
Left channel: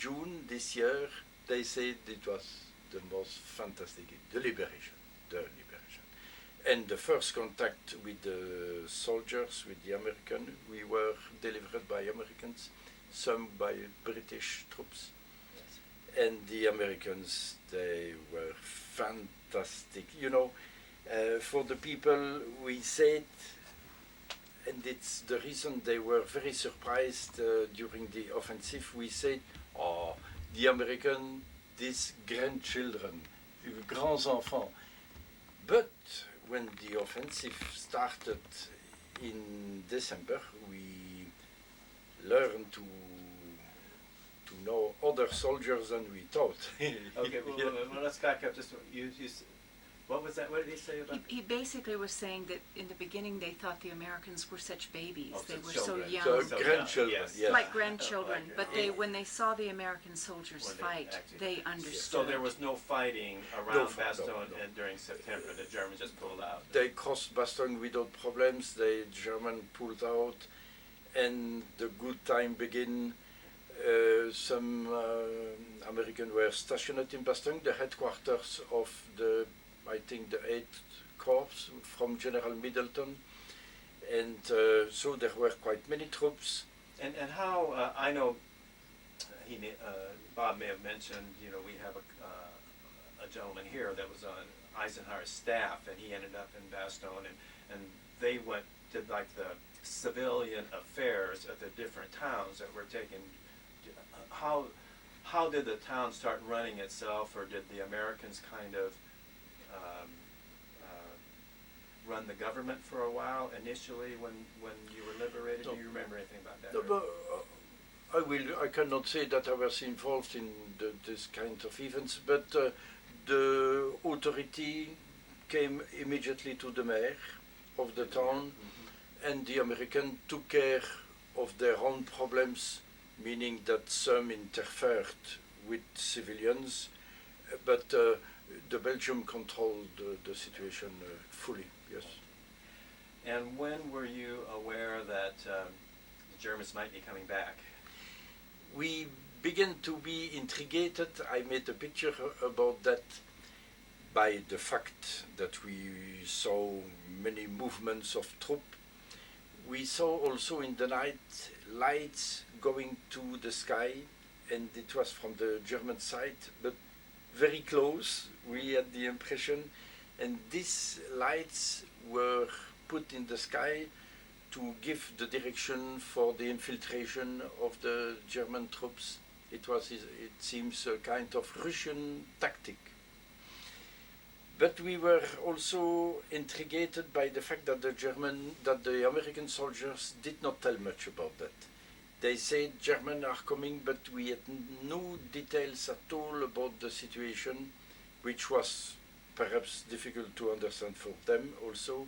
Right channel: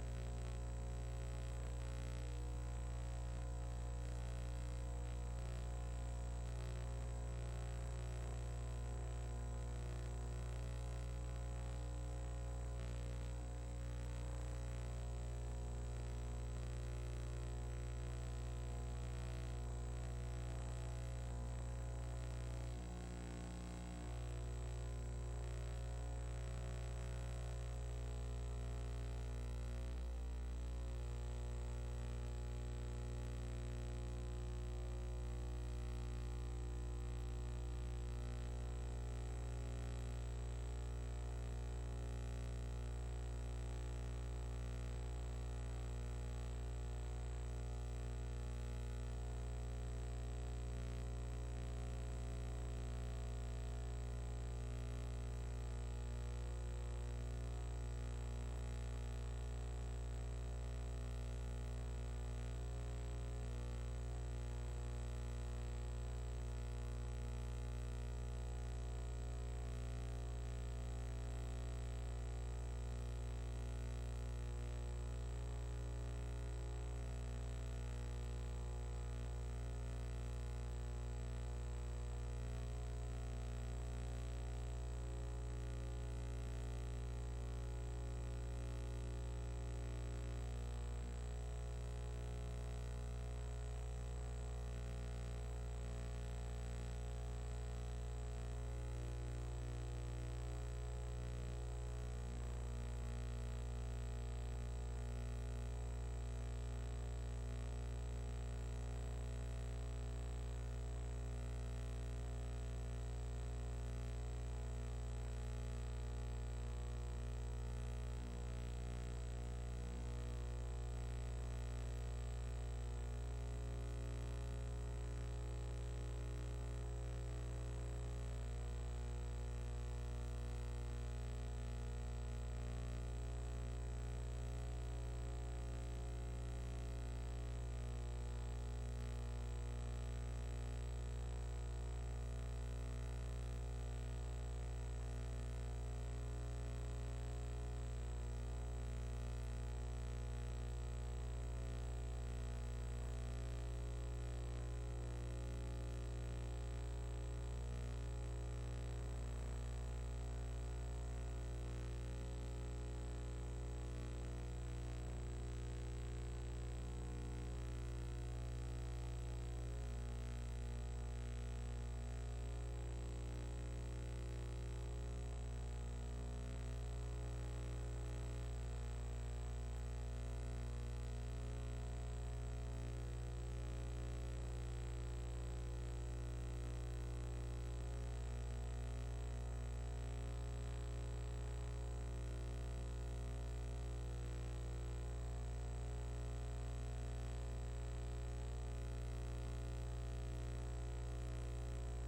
June this year, they said it was the most fantastic, the liberation. And the first contact with the soldiers, with the American, we were delivered by Americans, some by British troops. And the Americans, they were fantastic. You know, for the people, we said, and it's the reason they were very surprised during the offensive, we said, oh, the American, these grandchildren, grands enfants. But when the offensive started in December, we learned to know other soldiers than we thought. Okay, well, let's back up just, what was that, what did he say about? He basically was saying that in the beginning they thought the Americans were such babies. Oh, they such were so children. young. So So grandchildren, yes. yes. Like grandchildren, Like, but when they saw the American soldiers When they fight, actually- they So understood. there was no fighting No around fight, no, Bastogne no. and during September, the Germans just pulled out. They crossed Bastogne without problems. The German pulled out, and the good time began. Some Americans were stationed in Bastogne, the headquarters of the, I think, the 8th Corps from General Middleton, and so there were quite many troops. And how, I know Bob may have mentioned, you know, we have a gentleman here that was on Eisenhower's staff, and he ended up in Bastogne, and they went to like the civilian affairs of the different towns that were taken. How did the town start running itself, or did the Americans kind of run the government for a while initially when you were liberated? Do you remember anything about that? No, I cannot say that I was involved in this kind of events, but the authority came immediately to the mayor of the town, and the American took care of their own problems, meaning that some interfered with civilians, but the Belgium controlled the situation fully, yes. And when were you aware that the Germans might be coming back? We began to be intrigued. I made a picture about that by the fact that we saw many movements of troops. We saw also in the night lights going to the sky, and it was from the German side, but very close, we had the impression, and these lights were put in the sky to give the direction for the infiltration of the German troops. It seems, a kind of Russian tactic. But we were also intrigued by the fact that the American soldiers did not tell much about that. They said Germans are coming, but we had no details at all about the situation, which was perhaps difficult to understand for them also.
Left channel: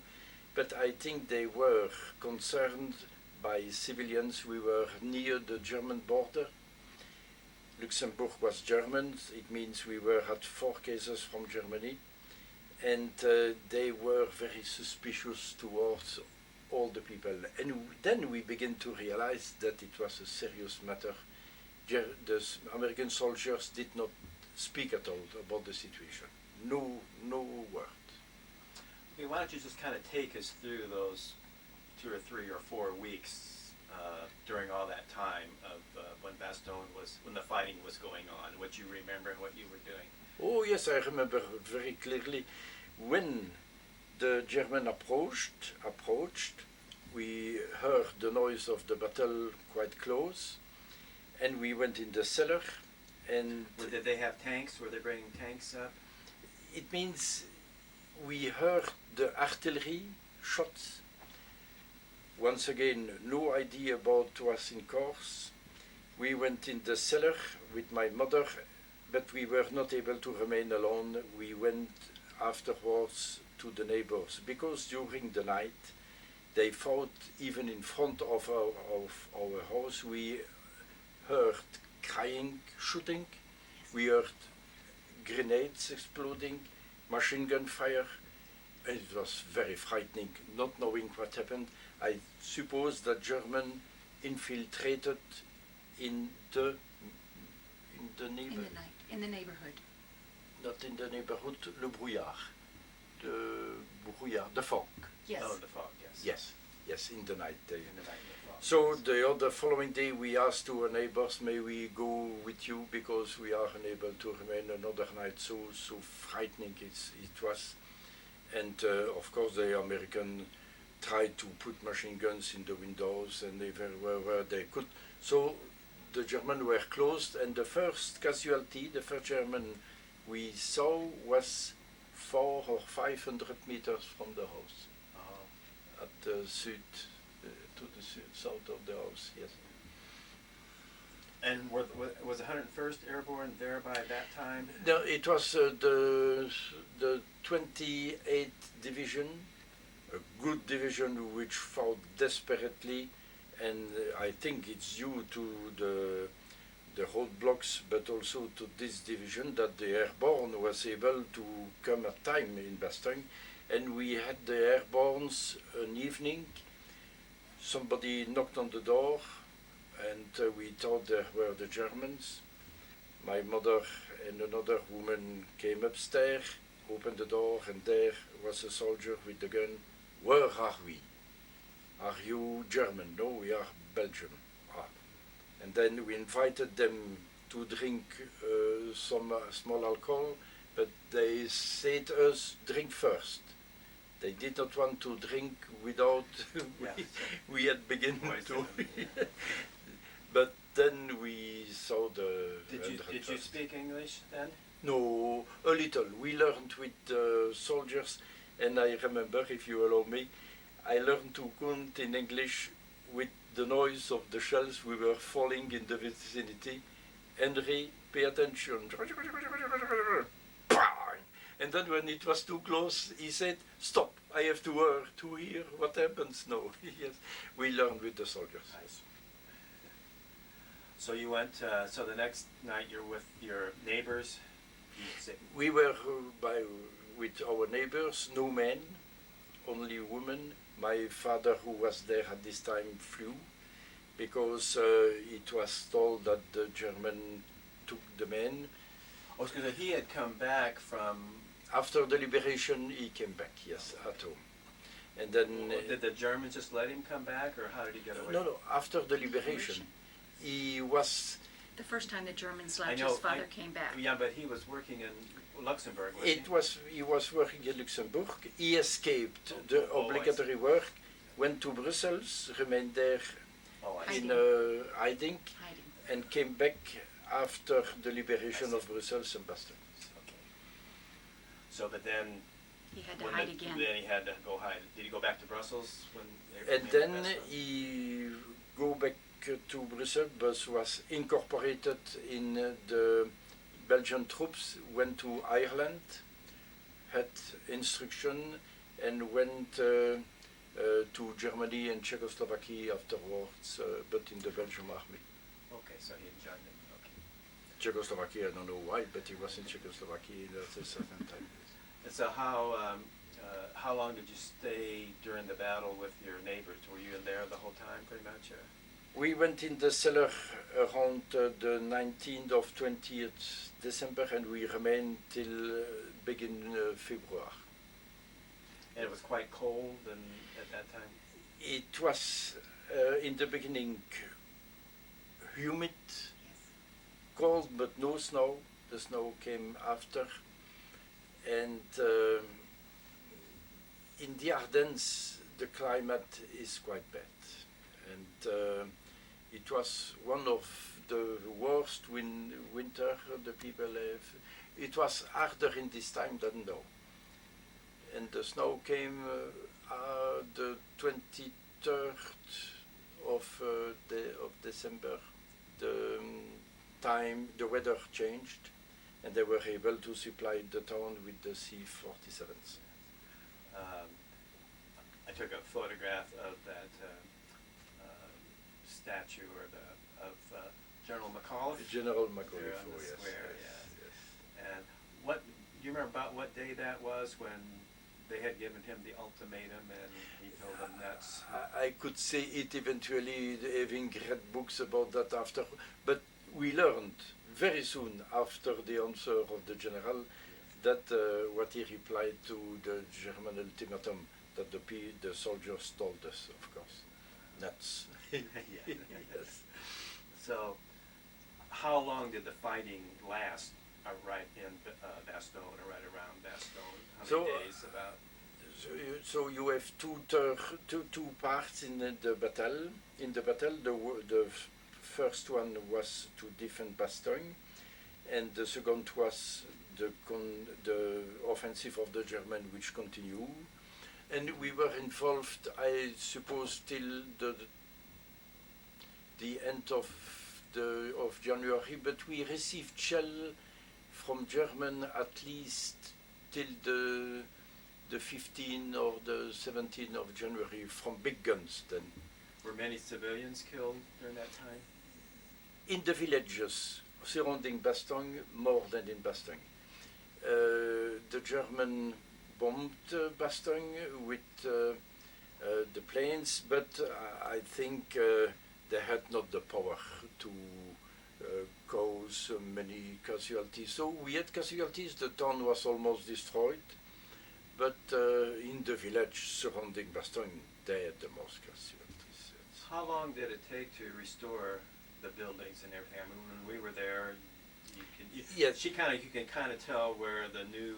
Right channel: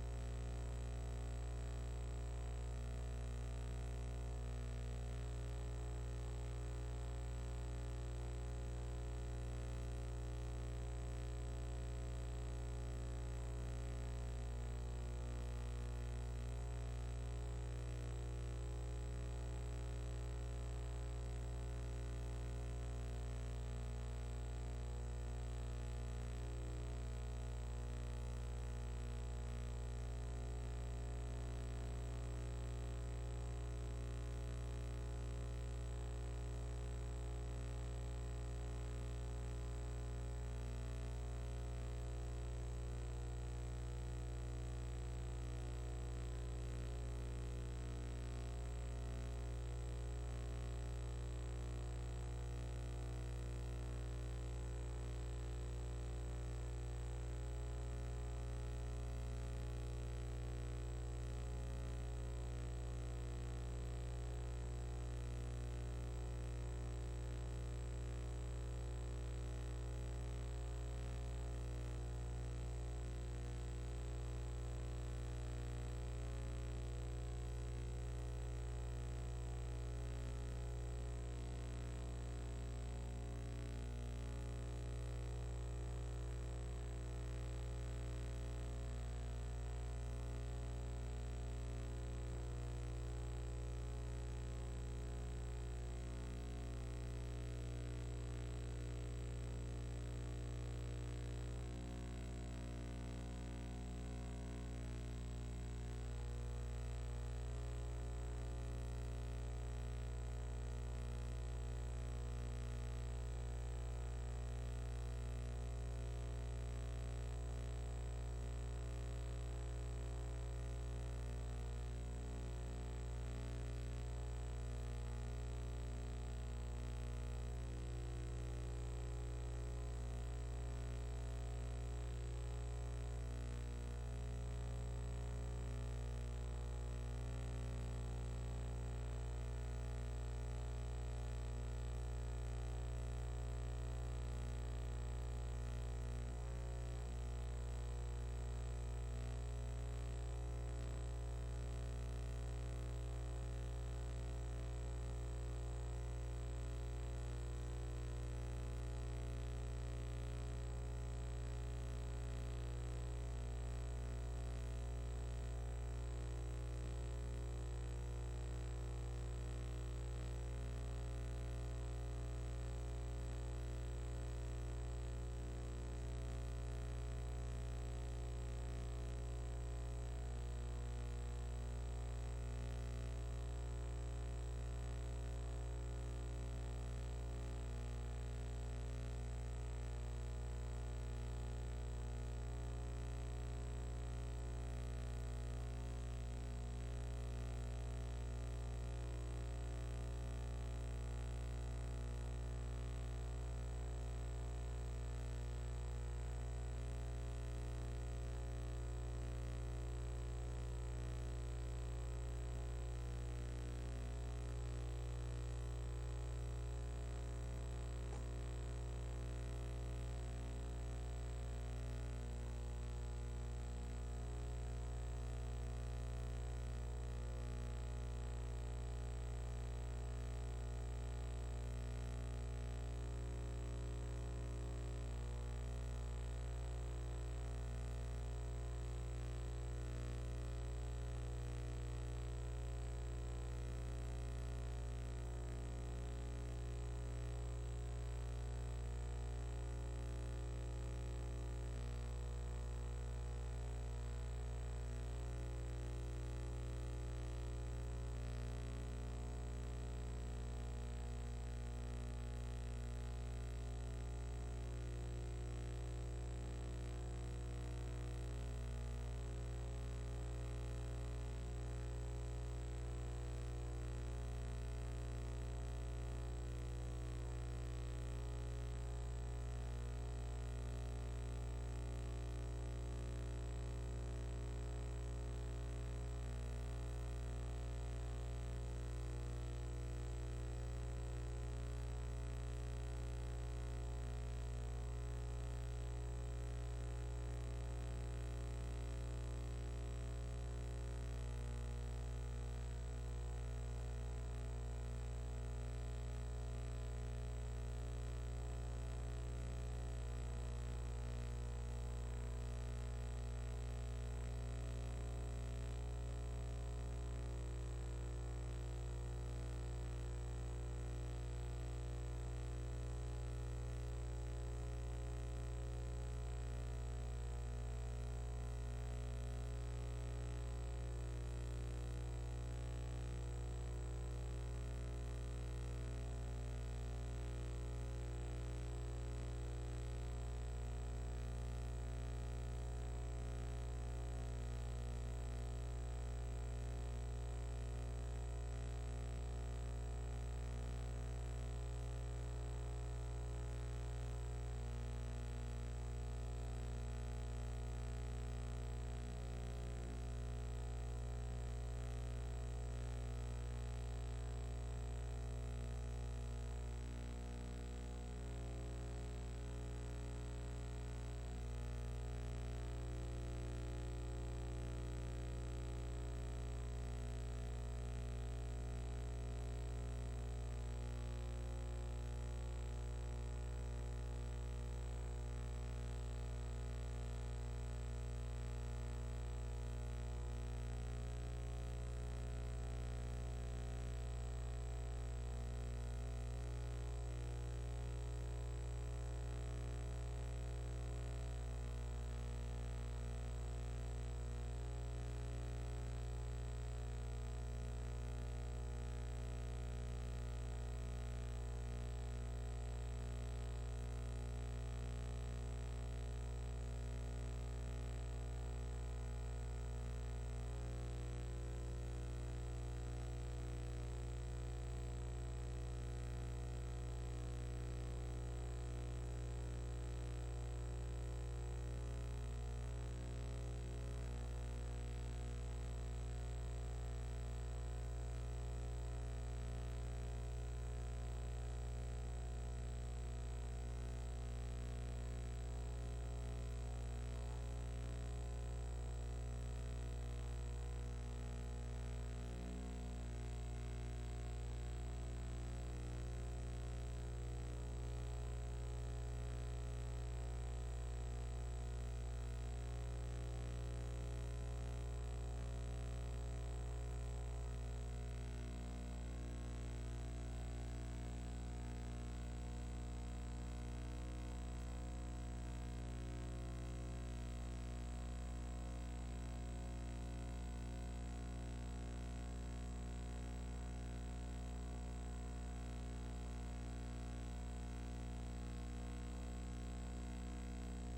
But I think they were concerned by civilians. We were near the German border. Luxembourg was German. It means we were at 4 cases from Germany. And they were very suspicious towards all the people. And then we began to realize that it was a serious matter. The American soldiers did not speak at all about the situation. No word. Okay, why don't you just kind of take us through those 2 or 3 or 4 weeks during all that time of when the fighting was going on, what you remember and what you were doing? Oh yes, I remember very clearly. When the German approached, we heard the noise of the battle quite close, and we went in the cellar. And did they have tanks? Were they bringing tanks up? It means we heard the artillery shots. Once again, no idea about what was in course. We went in the cellar with my mother, but we were not able to remain alone. We went afterwards to the neighbors, because during the night they fought even in front of our house. We heard crying, shooting, we heard grenades exploding, machine gun fire, and it was very frightening, not knowing what happened. I suppose that German infiltrated in the neighborhood. In the neighborhood. Not in the neighborhood, le brouillard, the fog. Yes. Oh, the fog, yes. Yes, in the night. In the night, the fog. So the following day we asked to our neighbors, may we go with you, because we are unable to remain another night. So frightening it was. And of course the American tried to put machine guns in the windows and everywhere where they could. So the Germans were closed, and the first casualty, the first German we saw was 400 or 500 meters from the house, at the south of the house, yes. And was the 101st Airborne there by that time? No, it was the 28th Division, a good division which fought desperately, and I think it's due to the roadblocks, but also to this division, that the Airborne was able to come at time in Bastogne. And we had the Airbornes an evening. Somebody knocked on the door, and we thought there were the Germans. My mother and another woman came upstairs, opened the door, and there was a soldier with the gun. Where are we? Are you German? No, we are Belgium. Ah. And then we invited them to drink some small alcohol, but they said us drink first. They did not want to drink without we had begun to. But then we saw the. Did you speak English then? No, a little. We learned with the soldiers, and I remember, if you allow me, I learned to count in English with the noise of the shells we were falling in the vicinity. Henri, pay attention. And then when it was too close, he said, stop, I have to hear what happens now. Yes, we learned with the soldiers. Nice. So you went, so the next night you're with your neighbors? We were with our neighbors, no men, only women. My father, who was there at this time, flew because it was told that the German took the men. Oh, because he had come back from... After the liberation, he came back, yes, at home. And then... did the Germans just let him come back, or how did he get away? No, after the liberation, he was... The first time the Germans left, his father came back. Yeah, but he was working in Luxembourg, He was working in Luxembourg. He escaped the obligatory work, went to Brussels, remained there in hiding, and came back after the liberation of Brussels and Bastogne. So, but then he had to hide again. Then he had to go hide. Did he go back to Brussels? And then he go back to Brussels, but was incorporated in the Belgian troops, went to Ireland, had instruction, and went to Germany and Czechoslovakia afterwards, but in the Belgian army. Okay, so he joined. Okay. Czechoslovakia, I don't know why, but he was in Czechoslovakia at a certain time. And so how long did you stay during the battle with your neighbors? Were you in there the whole time, pretty much? Or? We went in the cellar around the 19th of 20th December, and we remained till beginning February. And it was quite cold at that time? It was in the beginning humid, cold, but no snow. The snow came after. And in the Ardennes, the climate is quite bad. And it was one of the worst winter the people have. It was harder in this time than now. And the snow came the 23rd of December. The weather changed, and they were able to supply the town with the C-47s. I took a photograph of that statue of General McAuliffe. General McAuliffe, there on the yes. square, yeah. And do you remember about what day that was when they had given him the ultimatum and he told them that's... I could say it eventually, having read books about that after, but we learned very soon after the answer of the general that what he replied to the German ultimatum, that the soldiers told us, of course. Nuts. Yes. So, how long did the fighting last right in Bastogne, or right around Bastogne? How many days about? So you have two parts in the battle. In the battle, the first one was to defend Bastogne, and the second was the offensive of the German, which continued. And we were involved, I suppose, till the end of January, but we received shell from German at least till the 15th or the 17th of January from big guns then. Were many civilians killed during that time? In the villages surrounding Bastogne, more than in Bastogne. The German bombed Bastogne with the planes, but I think they had not the power to cause many casualties. So we had casualties. The town was almost destroyed, but in the village surrounding Bastogne, they had the most casualties. Yes. How long did it take to restore the buildings and everything? I mean, when we were there, Yes. you can kind of tell where the new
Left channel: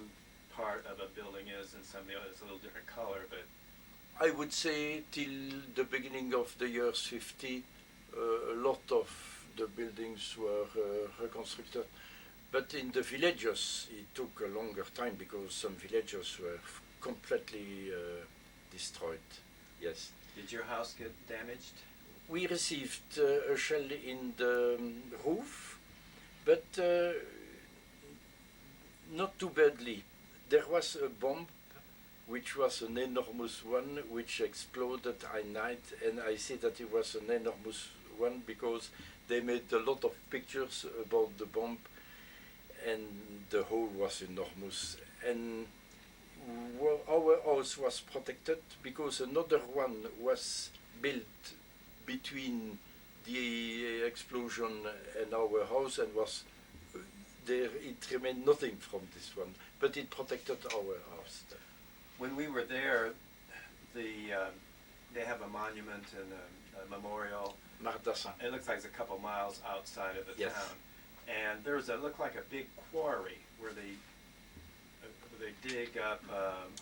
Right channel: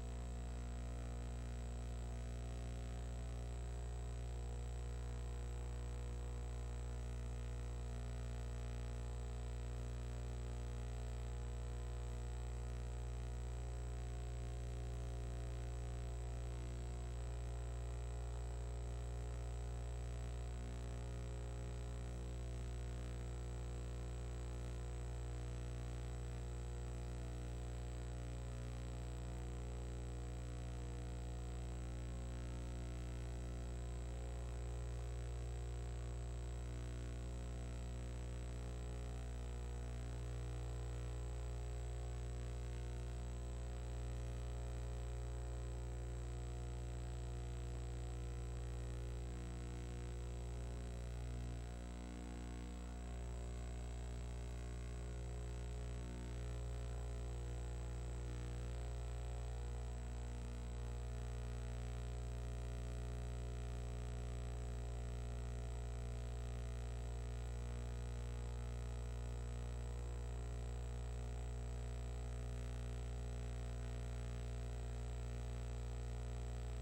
part of a building is, and some of the others a little different color, but I would say till the beginning of the years 50, a lot of the buildings were reconstructed. But in the villages, it took a longer time because some villages were completely destroyed. Yes. did your house get damaged? We received a shell in the roof, but not too badly. There was a bomb, which was an enormous one, which exploded at night, and I say that it was an enormous one because they made a lot of pictures about the bomb, and the hole was enormous. And our house was protected because another one was built between the explosion and our house, and was there. It remained nothing from this one, but it protected our house. When we were there, they have a monument and a memorial. Mardassin. It looks like it's a couple miles outside of the Yes. town, and there's looked like a big quarry where they dig up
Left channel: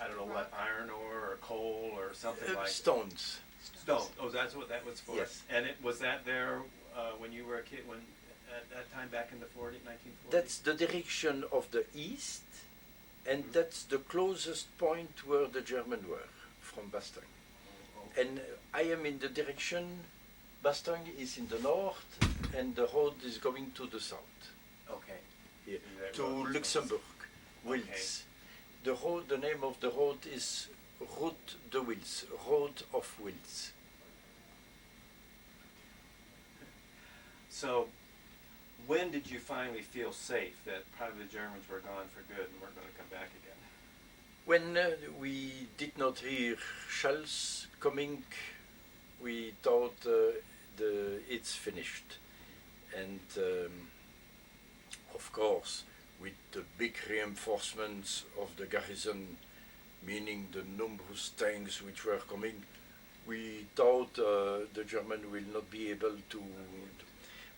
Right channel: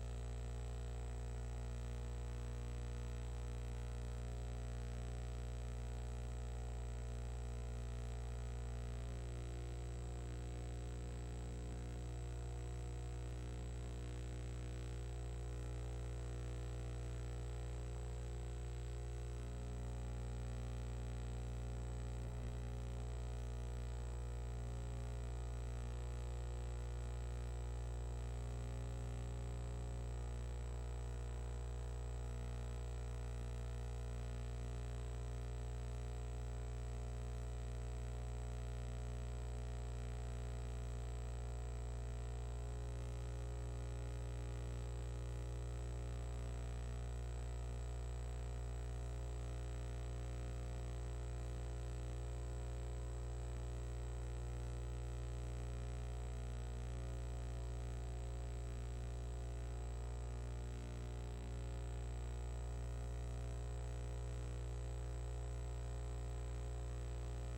I don't know what, iron ore or coal or something like Stones. stone. Oh, that's what that was for. Yes. And was that there when you were a kid? When at that time back in the 1940s? That's the direction of the east, and that's the closest point where the Germans were from Bastogne. And I am in the direction, Bastogne is in the north, and the road is going to the south, Okay. here, That to road. Luxembourg, Okay. Wils. The road, the name of the road is Route de Wils, Road of Wils. So, when did you finally feel safe that probably the Germans were gone for good and weren't going to come back again? When we did not hear shells coming, we thought it's finished. And of course, with the big reinforcements of the garrison, meaning the numerous tanks which were coming, we thought the German will not be able to.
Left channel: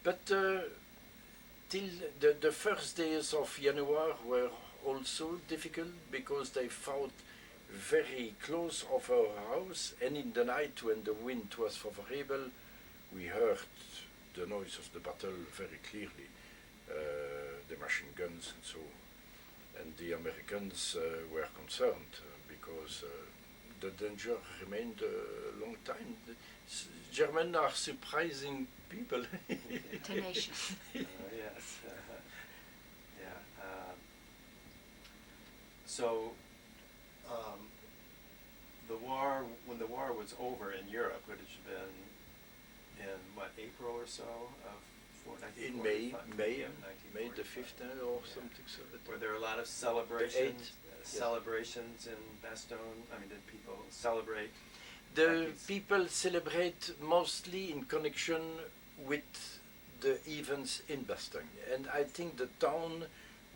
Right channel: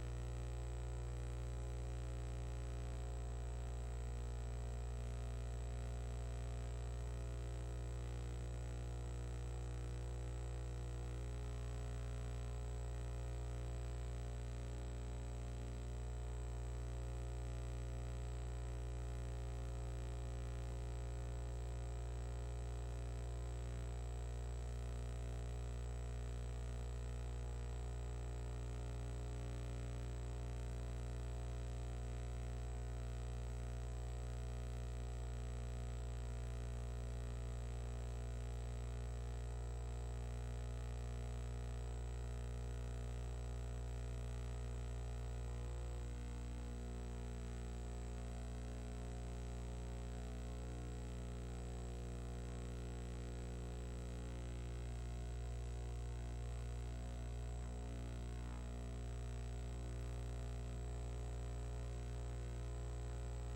But till the first days of January were also difficult because they fought very close of our house, and in the night when the wind was favorable, we heard the noise of the battle very clearly, the machine guns and so on. And the Americans were concerned because the danger remained a long time. Germans are surprising people. Tenacious. Yes. Yeah. So, the war, when the war was over in Europe, it had been in what, April or so of In May, 1945? May, Yeah, May the 1945. 5th or something so that. Were there a lot of celebrations? yes. Celebrations in Bastogne? I mean, did people celebrate? The like it's- people celebrate mostly in connection with the events in Bastogne, and I think the town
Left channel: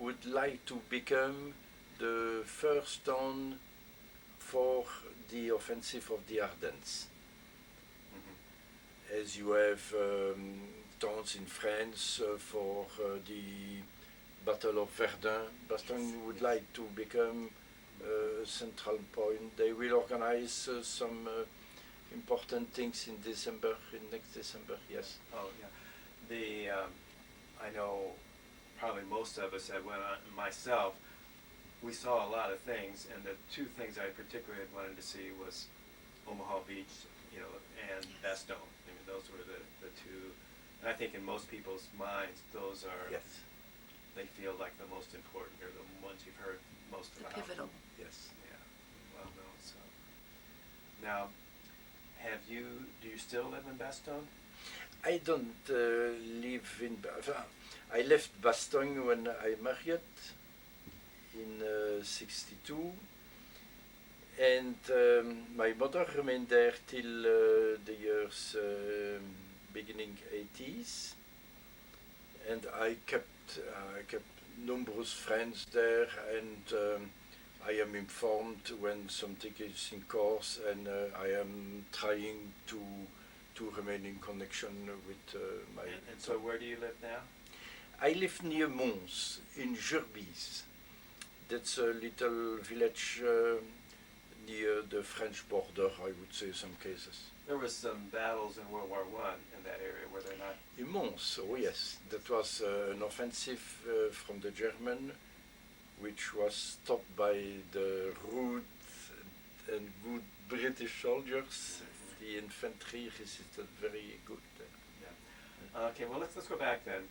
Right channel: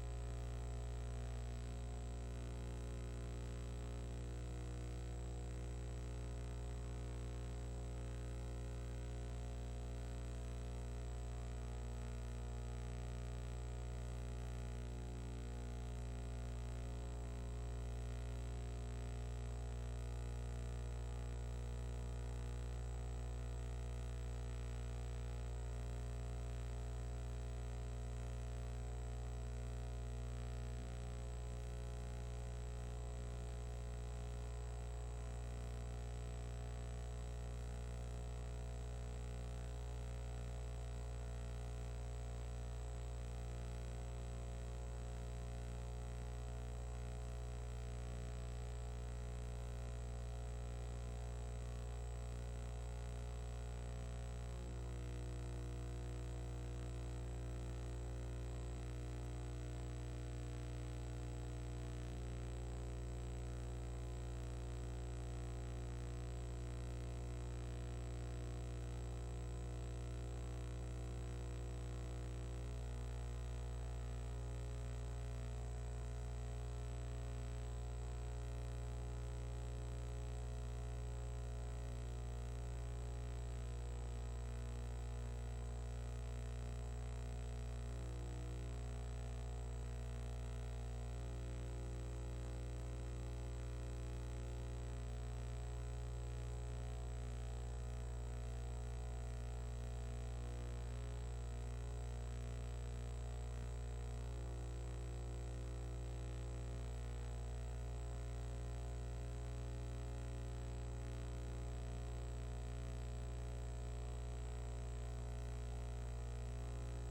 would like to become the first town for the offensive of the Ardennes. Mhm. As you have towns in France for the Battle of Verdun, Bastogne would like to become a central point. They will organize some important things in December, in next December, yes. Oh, yeah. I know probably most of us that went on, myself, we saw a lot of things, and the two things I particularly wanted to see was Omaha Beach, and Bastogne. I mean, those were the two, and I think in most people's minds, those are, Yes. they feel like the most important, or the ones you've heard most The about. pivotal. Yes, yeah, well known, so. Now, do you still live in Bastogne? I don't live in. I left Bastogne when I married in '62, and my mother remained there till the years beginning 80s, and I kept numerous friends there, and I am informed when something is in course, and I am trying to remain in connection with my. And so, where do you live now? I live near Mons in Jurbise. That's a little village near the French border, I would say, some cases. There was some battles in World War I in that area, were there not? In Mons, oh yes, that was an offensive from the German, which was stopped by the rude and good British soldiers. The infantry resisted very good. Yeah. Okay, well let's go back then.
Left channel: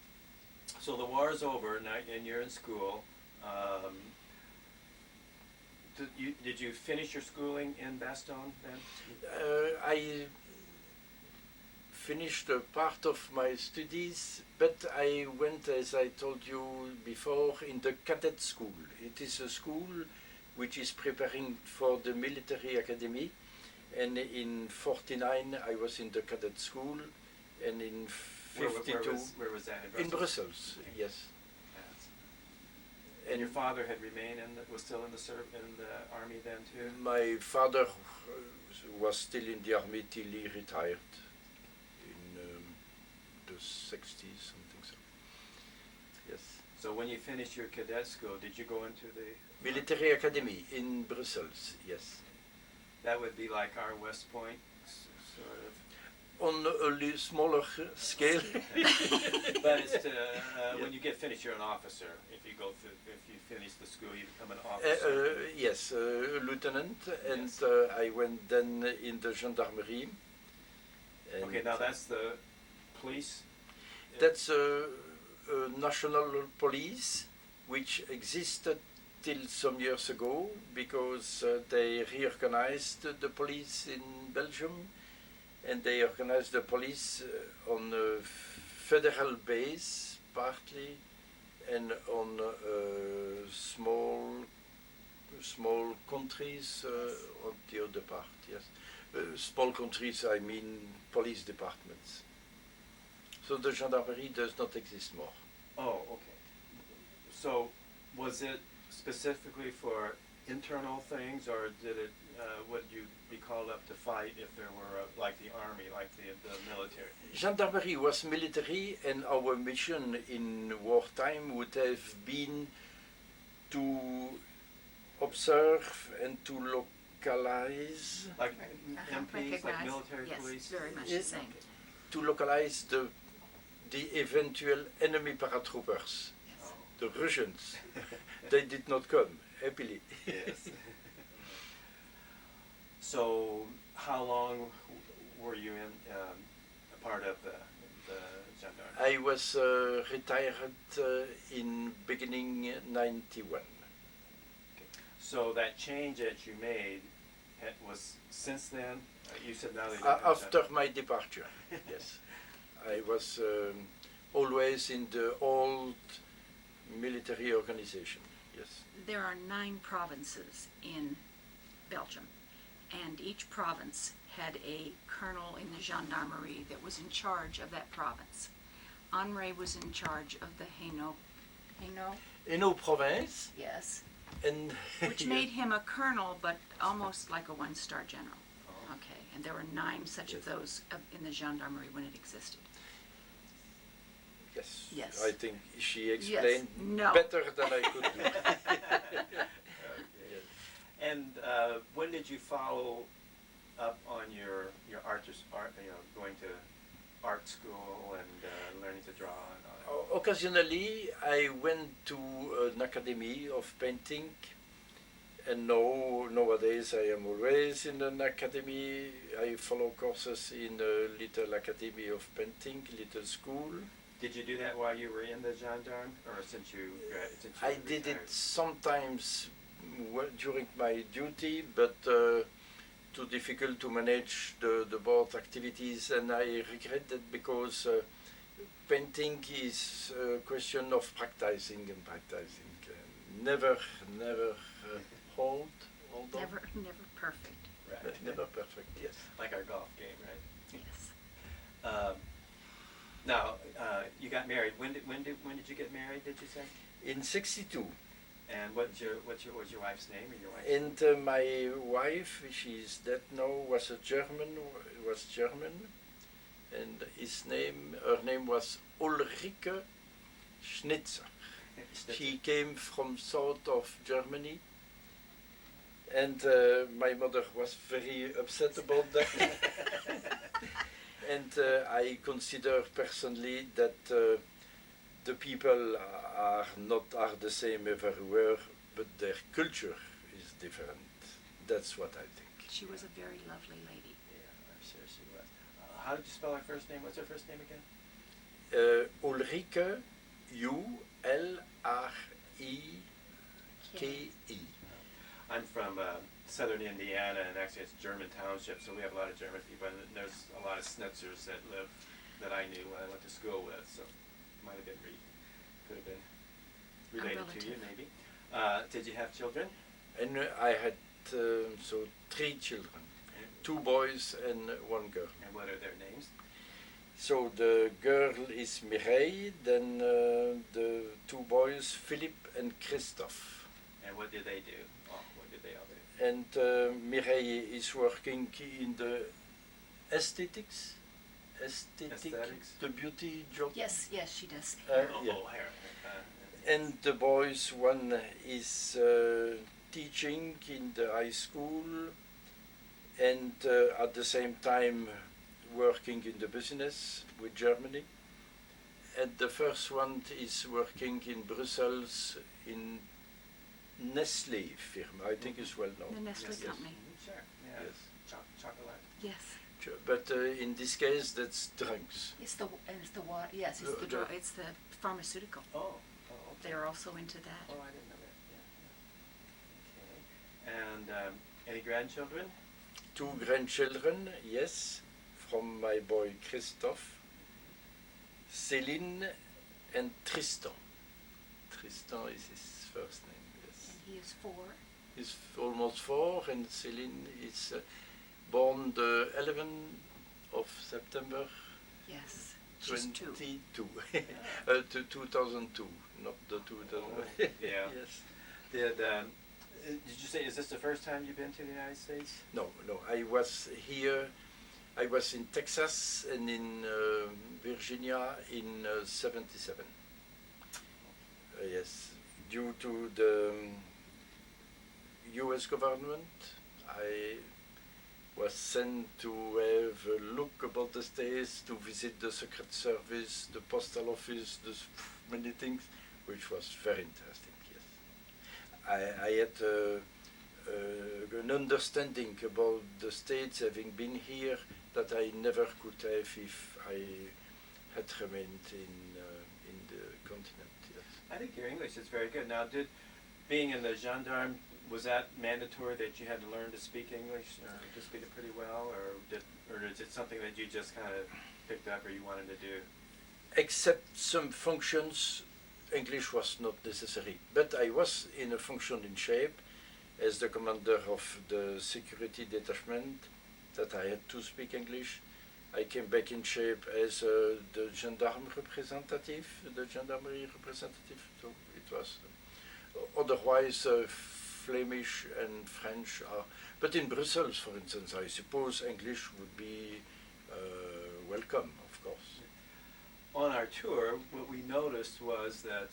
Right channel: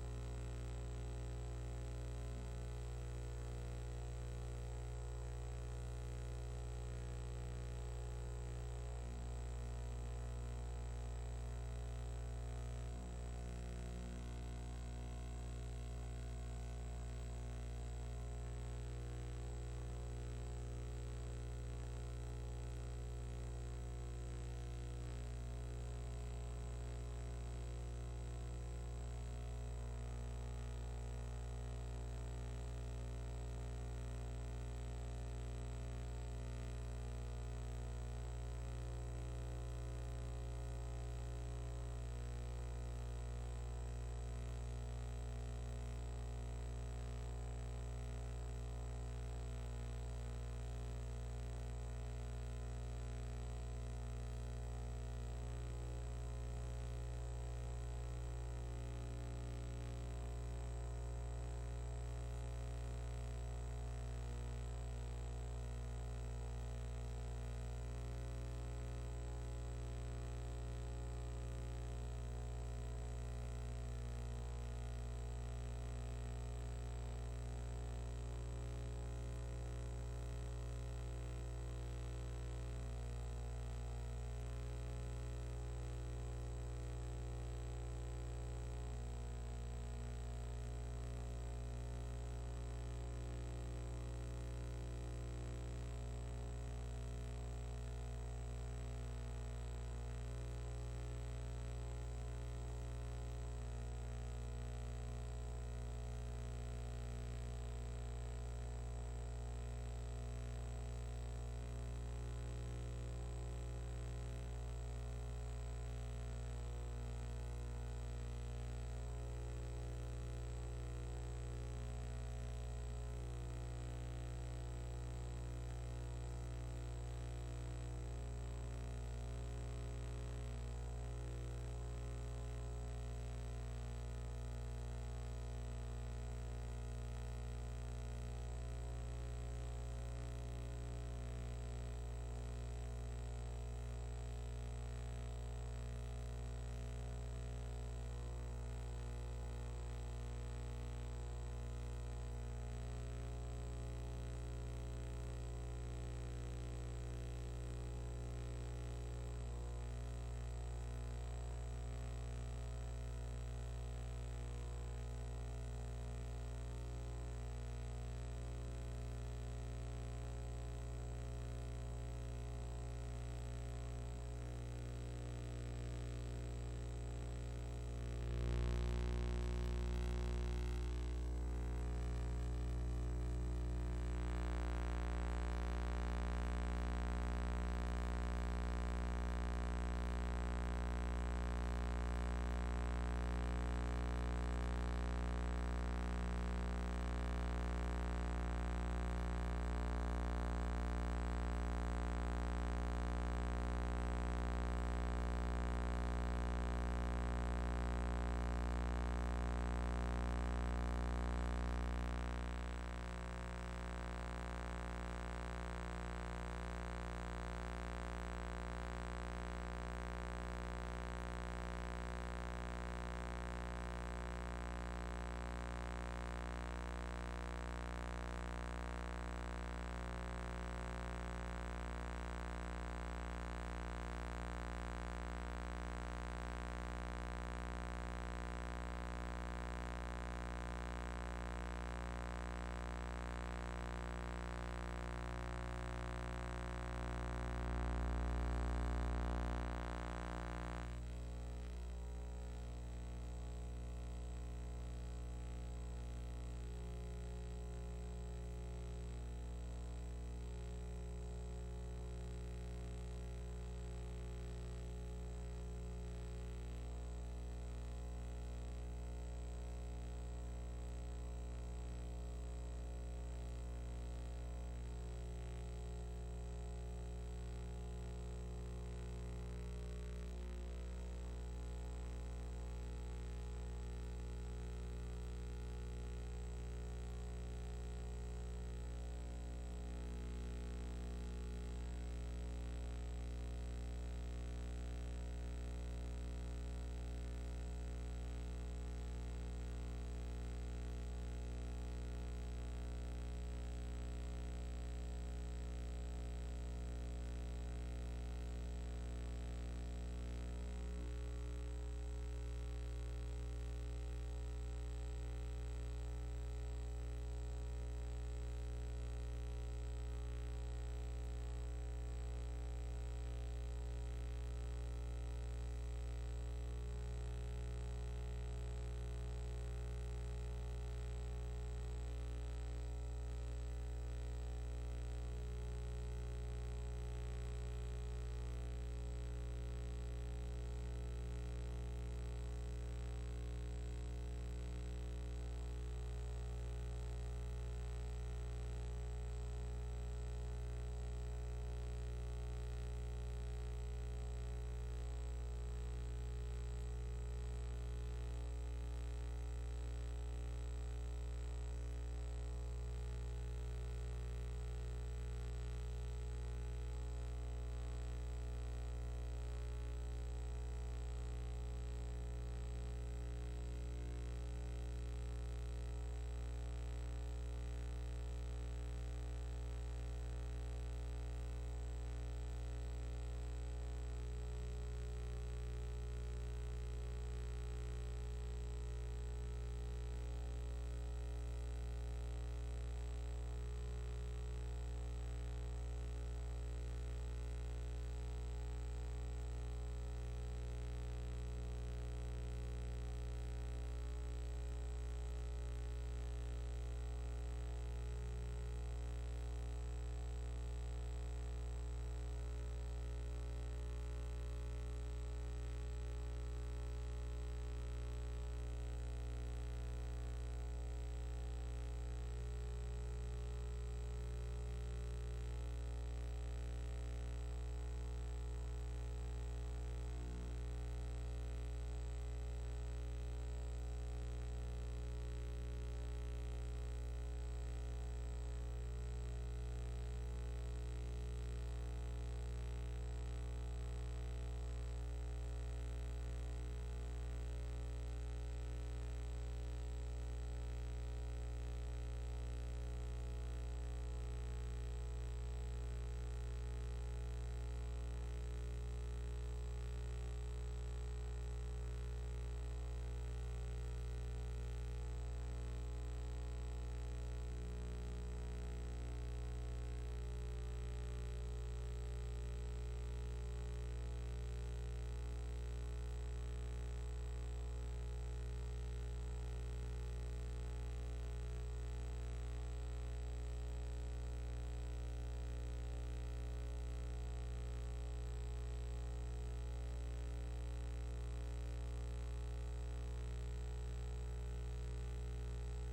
So the war is over now, and you're in school. Did you finish your schooling in Bastogne then? I finished a part of my studies, but I went, as I told you before, in the cadet school. It is a school which is preparing for the military academy, and in 49 I was in the cadet school, and in 52 where was that? in Brussels, yes. And your father had remained was still in the army then too? My father was still in the army till he retired in the 60s, something so. Yes. So when you finished your cadet school, did you go into the military academy in Brussels? Yes. That would be like our West Point, sort of. On a smaller scale. But it's when you get finished, you're an officer. If you finish the school, you become an officer. Yes, a lieutenant, and Yes. I went then in the gendarmerie. Okay, now that's the police. That's a national police which existed till some years ago because they reorganized the police in Belgium, and they organized the police on a federal base partly, and on small countries on the other part. Yes, small countries. I mean police departments. So the gendarmerie does not exist more. Oh, okay. So was it specifically for internal things, or did it? Would you be called up to fight if there were like the army, like the military? Gendarmerie was military, and our mission in wartime would have been to observe and to localize, Like Uh-huh, MPs, like recognize. military Yes, police? very much Yes. the same. to localize the eventual enemy paratroopers, Yes. the Russians. They did not come, happily. Yes. So, how long were you in a part of the gendarmerie? I was retired in beginning 91. So that change that you made, it was since then. You said now that After my departure, yes. I was always in the old military organization, yes. There are 9 provinces in Belgium, and each province had a colonel in the gendarmerie that was in charge of that province. Henri was in charge of the Hainaut, Hainaut province, yes, and which made him a colonel, but almost like a 1-star general. Okay, and there were 9 such of those in the gendarmerie when it existed. Yes. Yes. I think she explained No. better than I could. And when did you follow up on your art, going to art school and learning to draw? Occasionally, I went to an academy of painting, and nowadays I am always in an academy. I follow courses in a little academy of painting, little school. Did you do that while you were in the gendarme, or since you? I did it sometimes during my duty, but too difficult to manage the board activities, and I regret that because painting is a question of practicing and practicing. Never hold on. Never perfect. Never perfect, yes. Like our golf game, right? Yes. in 62. And what's your wife's name or your wife's And my wife, she's dead now, was German, and her name was Ulrike Schnitzer. She came from south of Germany, and my mother was very upset about that. And I consider personally that the people are the same everywhere, but their culture is different. That's what I think. She was a very lovely lady. Yeah, I'm sure she was. How did you spell her first name? What's her first name again? Ulrike, Ulrike. I'm from southern Indiana, and actually it's German township, so we have a lot of German people, and there's a lot of Schnitzers that I knew when I went to school with, so might have been could have been related to you, maybe. Did you have children? And I had 3 children, 2 boys and 1 girl. And what are their names? So the girl is Mireille, then the 2 boys, Philippe and Christophe. And what do they do? Oh, what do they all do? And Mireille is working in the aesthetics, the beauty job. Yes, she does. Yeah. Hair. And the boys, one is teaching in the high school, and at the same time working in the business with Germany. And the first one is working in Brussels in Nestlé firm, I think is well known. The Nestle company. Sure. Yeah. Yes. Chocolate. Yes. Sure. But in this case, that's drugs. It's the water. Yes, it's the drug. It's the pharmaceutical. Oh. They're also into that. Oh, I didn't know that. And any grandchildren? 2 grandchildren, yes, from my boy Christophe, Céline and Tristan. Tristan is his first name, yes. He is 4. He's almost 4, and Céline is born the 11th of September Yes. She's 2. 2002, not the 2000. Yeah. Yes. Did you say, is this the first time you've been to the United States? No, I was here. I was in Texas and in Virginia in 77. Yes, due to the U.S. government, I was sent to have a look about the States, to visit the Secret Service, the Postal Office, many things, which was very interesting, yes. I had an understanding about the States, having been here, that I never could have if I had remained in the continent, yes. I think your English is very good. Now, being in the gendarme, was that mandatory that you had to learn to speak English, or to speak it pretty well, or is it something that you just kind of picked up or you wanted to do? Except some functions, English was not necessary. But I was in a function in shape as the commander of the security detachment, that I had to speak English. I came back in shape as the gendarme representative, gendarmerie representative. So it was otherwise Flemish and French are. But in Brussels, for instance, I suppose English would be welcome, of course. On our tour, what we noticed was that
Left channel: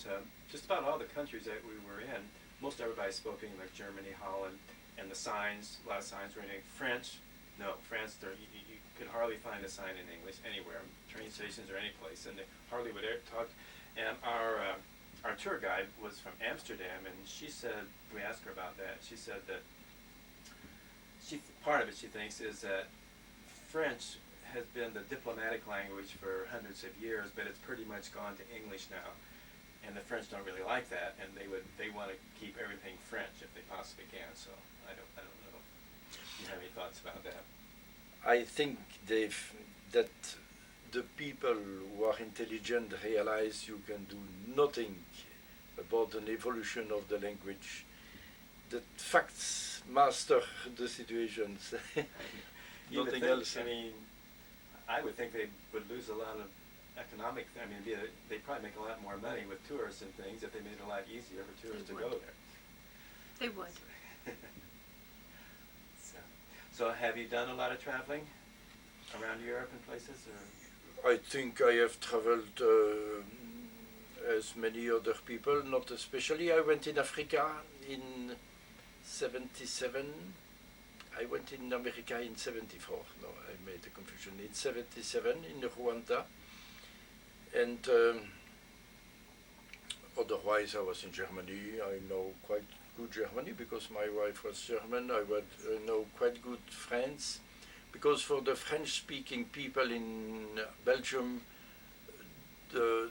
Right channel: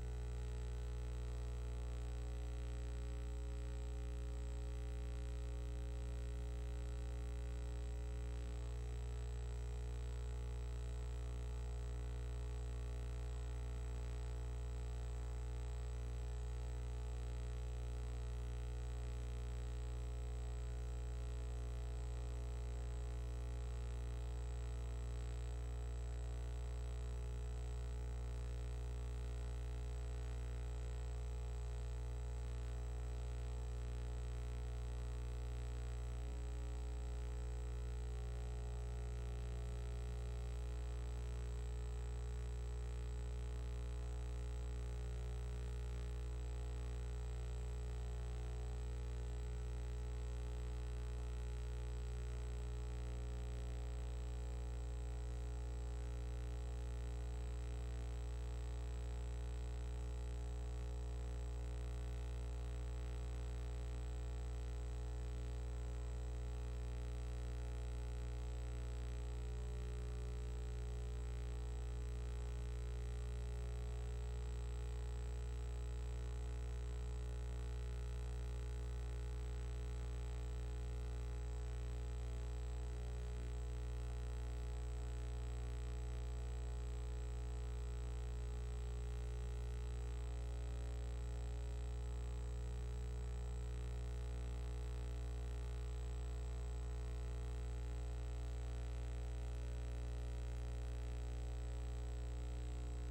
just about all the countries that we were in, most everybody spoke English. Germany, Holland, and the signs, a lot of signs were in French. No, France, you could hardly find a sign in English anywhere, train stations or any place, and they hardly would ever talk. And our tour guide was from Amsterdam, and she said, we asked her about that, she said that part of it, she thinks, is that French has been the diplomatic language for hundreds of years, but it's pretty much gone to English now. And the French don't really like that, and they want to keep everything French if they possibly can. So I don't know. Do you have any thoughts about that? I think that the people who are intelligent realize you can do nothing about an evolution of the language. That facts master the situations. Nothing else. I mean, I would think they would lose a lot of economic. I mean, they probably make a lot more money with tourists and things if they made it a lot easier for tourists to They go would. there. They would. So have you done a lot of traveling around Europe and places, or? I think I have traveled as many other people, not especially. I went in Africa in 77. I went in America in 74. No, I made a confusion. In 77 in Rwanda. And otherwise I was in Germany. I know quite good Germany because my wife was German. I know quite good French. Because for the French-speaking people in Belgium, the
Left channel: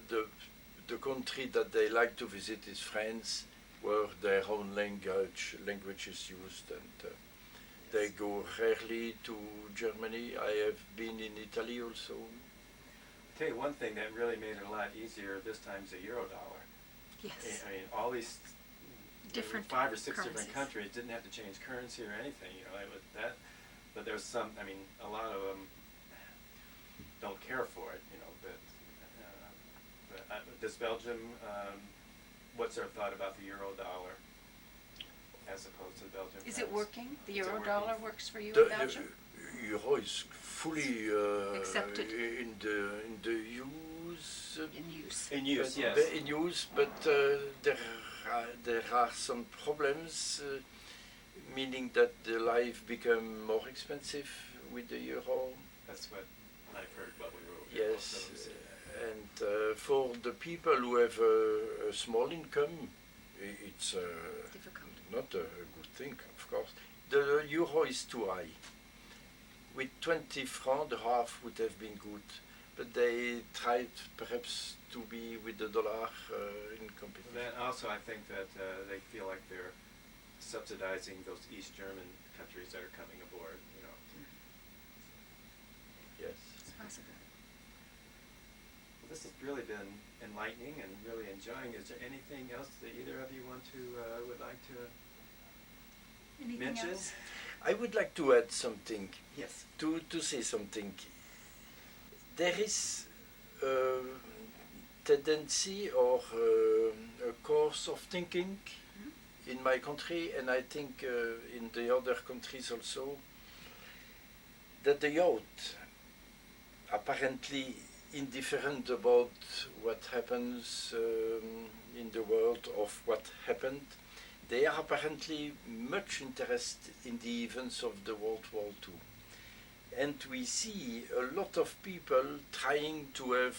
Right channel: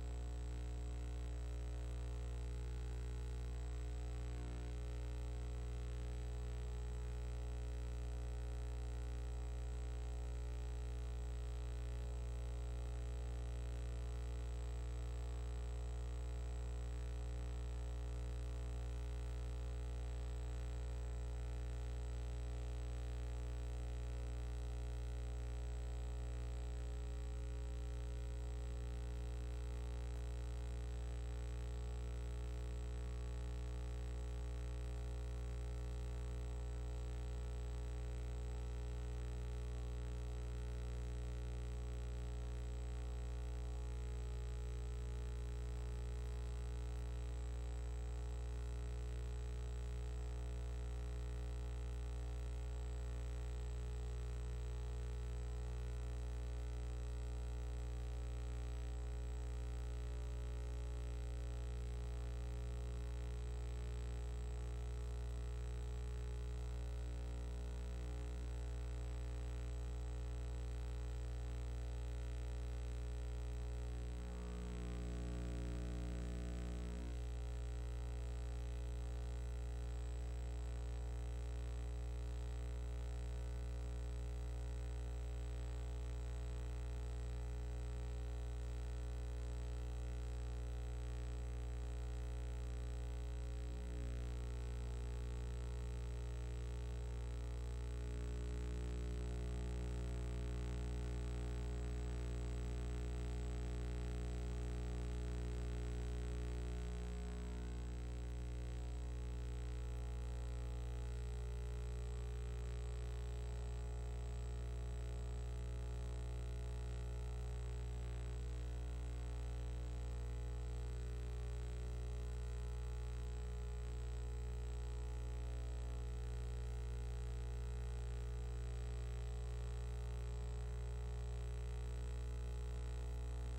country that they like to visit is France, where their own language is used, and they go rarely to Germany. I have been in Italy also. I'll tell you one thing that really made it a lot easier this time is the Eurodollar. Yes. I mean, all these Different 5 or 6 different currencies. countries didn't have to change currency or anything. You know, it was that. But there's some. I mean, a lot of them don't care for it. You know, but does Belgium? What's their thought about the Eurodollar as opposed to Belgium? Is it working? The Is it Eurodollar working? works for you The in Belgium? euro is fully Accepted. in the use. In use. In use, yes. In use, but there are some problems, meaning that the life become more expensive with the euro. That's what I've heard. What we were. Yes, and for the people who have a small income, it's Difficult. not a good thing, of course. The euro is too high. With 20 francs, the half would have been good, but they tried perhaps to be with the dollar in competition. Then also, I think that they feel like they're subsidizing those East German countries that are coming aboard. You know. Yes. It's possible. This has really been enlightening and really enjoying. Is there anything else that either of you want to would like to Anything mention? else? I would like to add something. Yes. To say something. There is a tendency or a course of thinking in my country, and I think in the other countries also, that the youth apparently indifferent about what happens in the world of what happened. They are apparently much interested in the events of the World War II. And we see a lot of people trying to have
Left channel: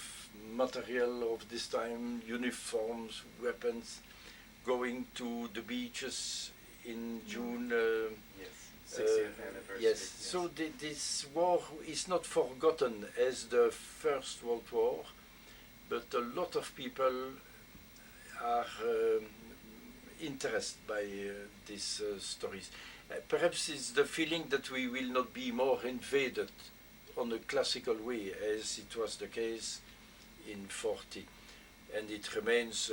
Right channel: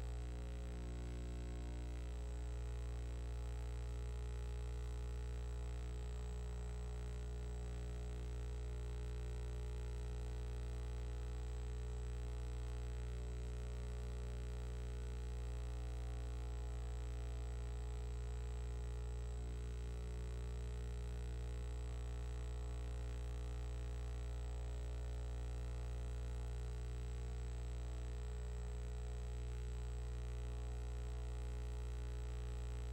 material of this time, uniforms, weapons, going to the beaches in June. Yes. 60th anniversary. Yes, so this war is not forgotten as the First World War, but a lot of people are interested by these stories. Perhaps it's the feeling that we will not be more invaded on a classical way as it was the case in 40, and it remains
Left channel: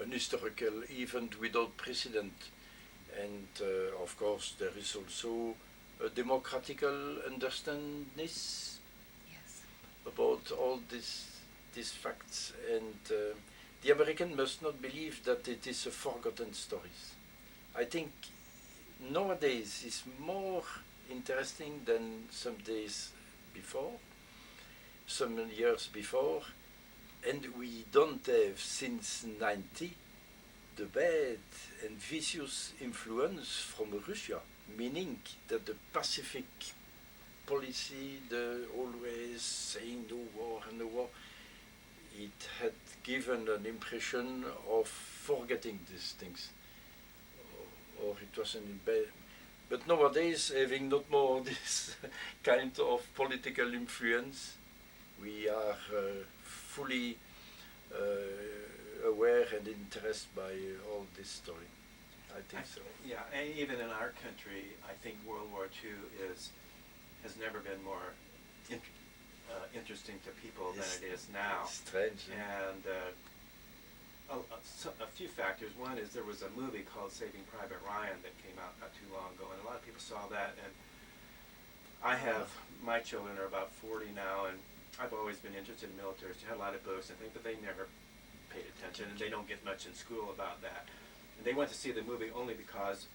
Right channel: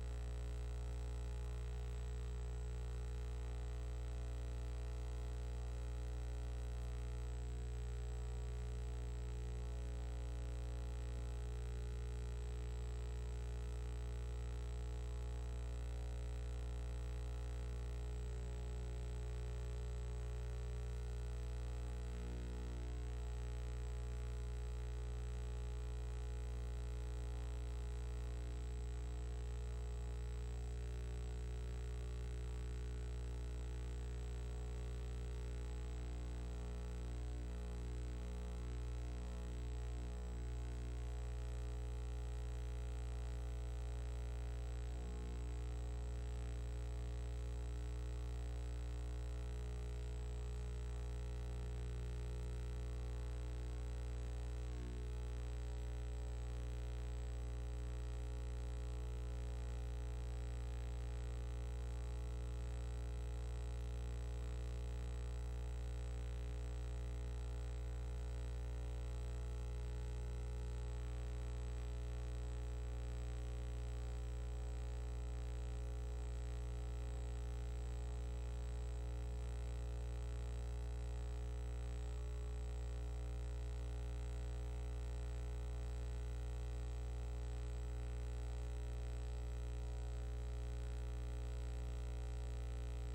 an historical event without precedent. And of course there is also a democratical understanding Yes. about all these facts, and the American must not believe that it is a forgotten story. I think nowadays is more interesting than some days before, some years before, and we don't have since 90 the bad and vicious influence from Russia, meaning that the Pacific policy, the always saying no war and no war, it had given an impression of forgetting these things, or it wasn't bad. But nowadays, having not more this kind of political influence, we are fully aware and interested by all this story. I think so. Yeah, and even in our country, I think World War II has never been more interesting to people than it is now. Strange. And a few factors. One is there was a movie called Saving Private Ryan that came out not too long ago, and a lot of people saw that. And I have my children are about 40 now, and I've always been interested in military. So I had a lot of books and things, but they never paid attention, and they don't get much in school about that. And they went to see the movie only because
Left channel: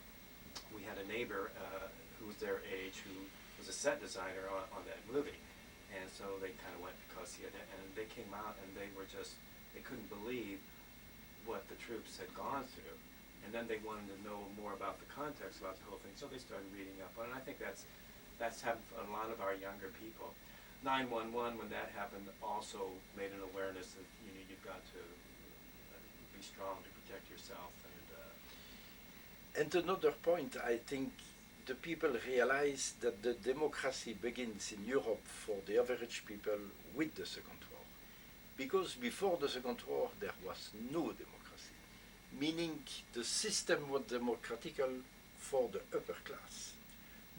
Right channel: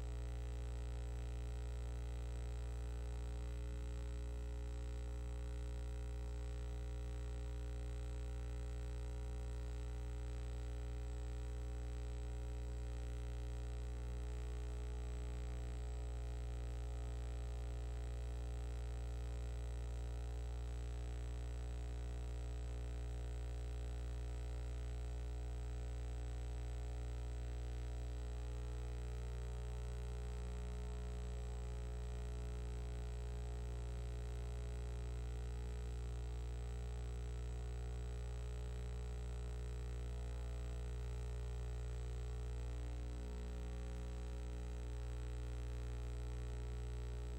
we had a neighbor who was their age who was a set designer on that movie, and so they kind of went because he had, and they came out and they were just, they couldn't believe what the troops had gone through, and then they wanted to know more about the context about the whole thing, so they started reading up on it. And I think that's happened for a lot of our younger people. 911, when that happened, also made an awareness that you've got to be strong to protect yourself. And another point, I think the people realize that the democracy begins in Europe for the average people with the Second War. Because before the Second War, there was no democracy. Meaning the system was democratical for the upper class,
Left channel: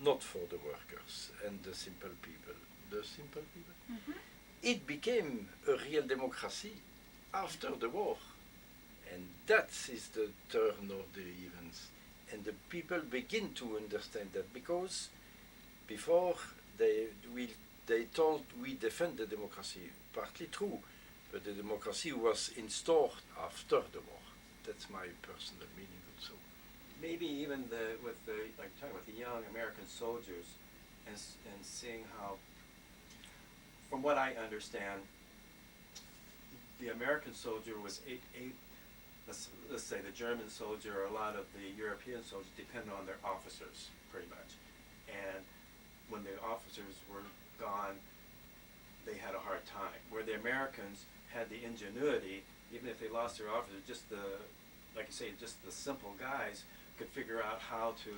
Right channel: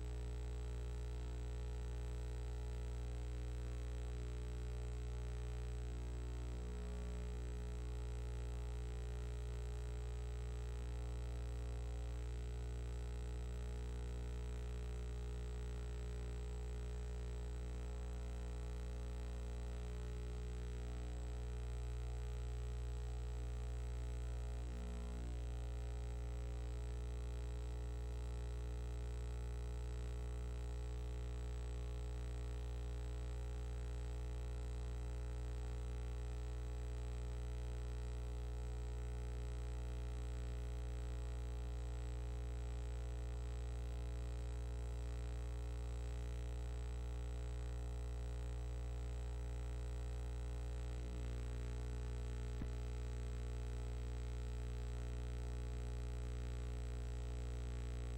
not for the workers and the simple people. The simple people. Mm-hmm. It became a real democracy after the war. And that is the turn of the events. And the people begin to understand that, because before they thought we defend the democracy, partly true, but the democracy was installed after the war. That's my personal meaning also. Maybe even with the young American soldiers, and seeing how, from what I understand, the American soldier was let's say the German soldier, or a lot of the European soldiers depended on their officers pretty much. And when the officers were gone, they had a hard time. Where the Americans had the ingenuity, even if they lost their officers, just like you say, just the simple guys could figure out how to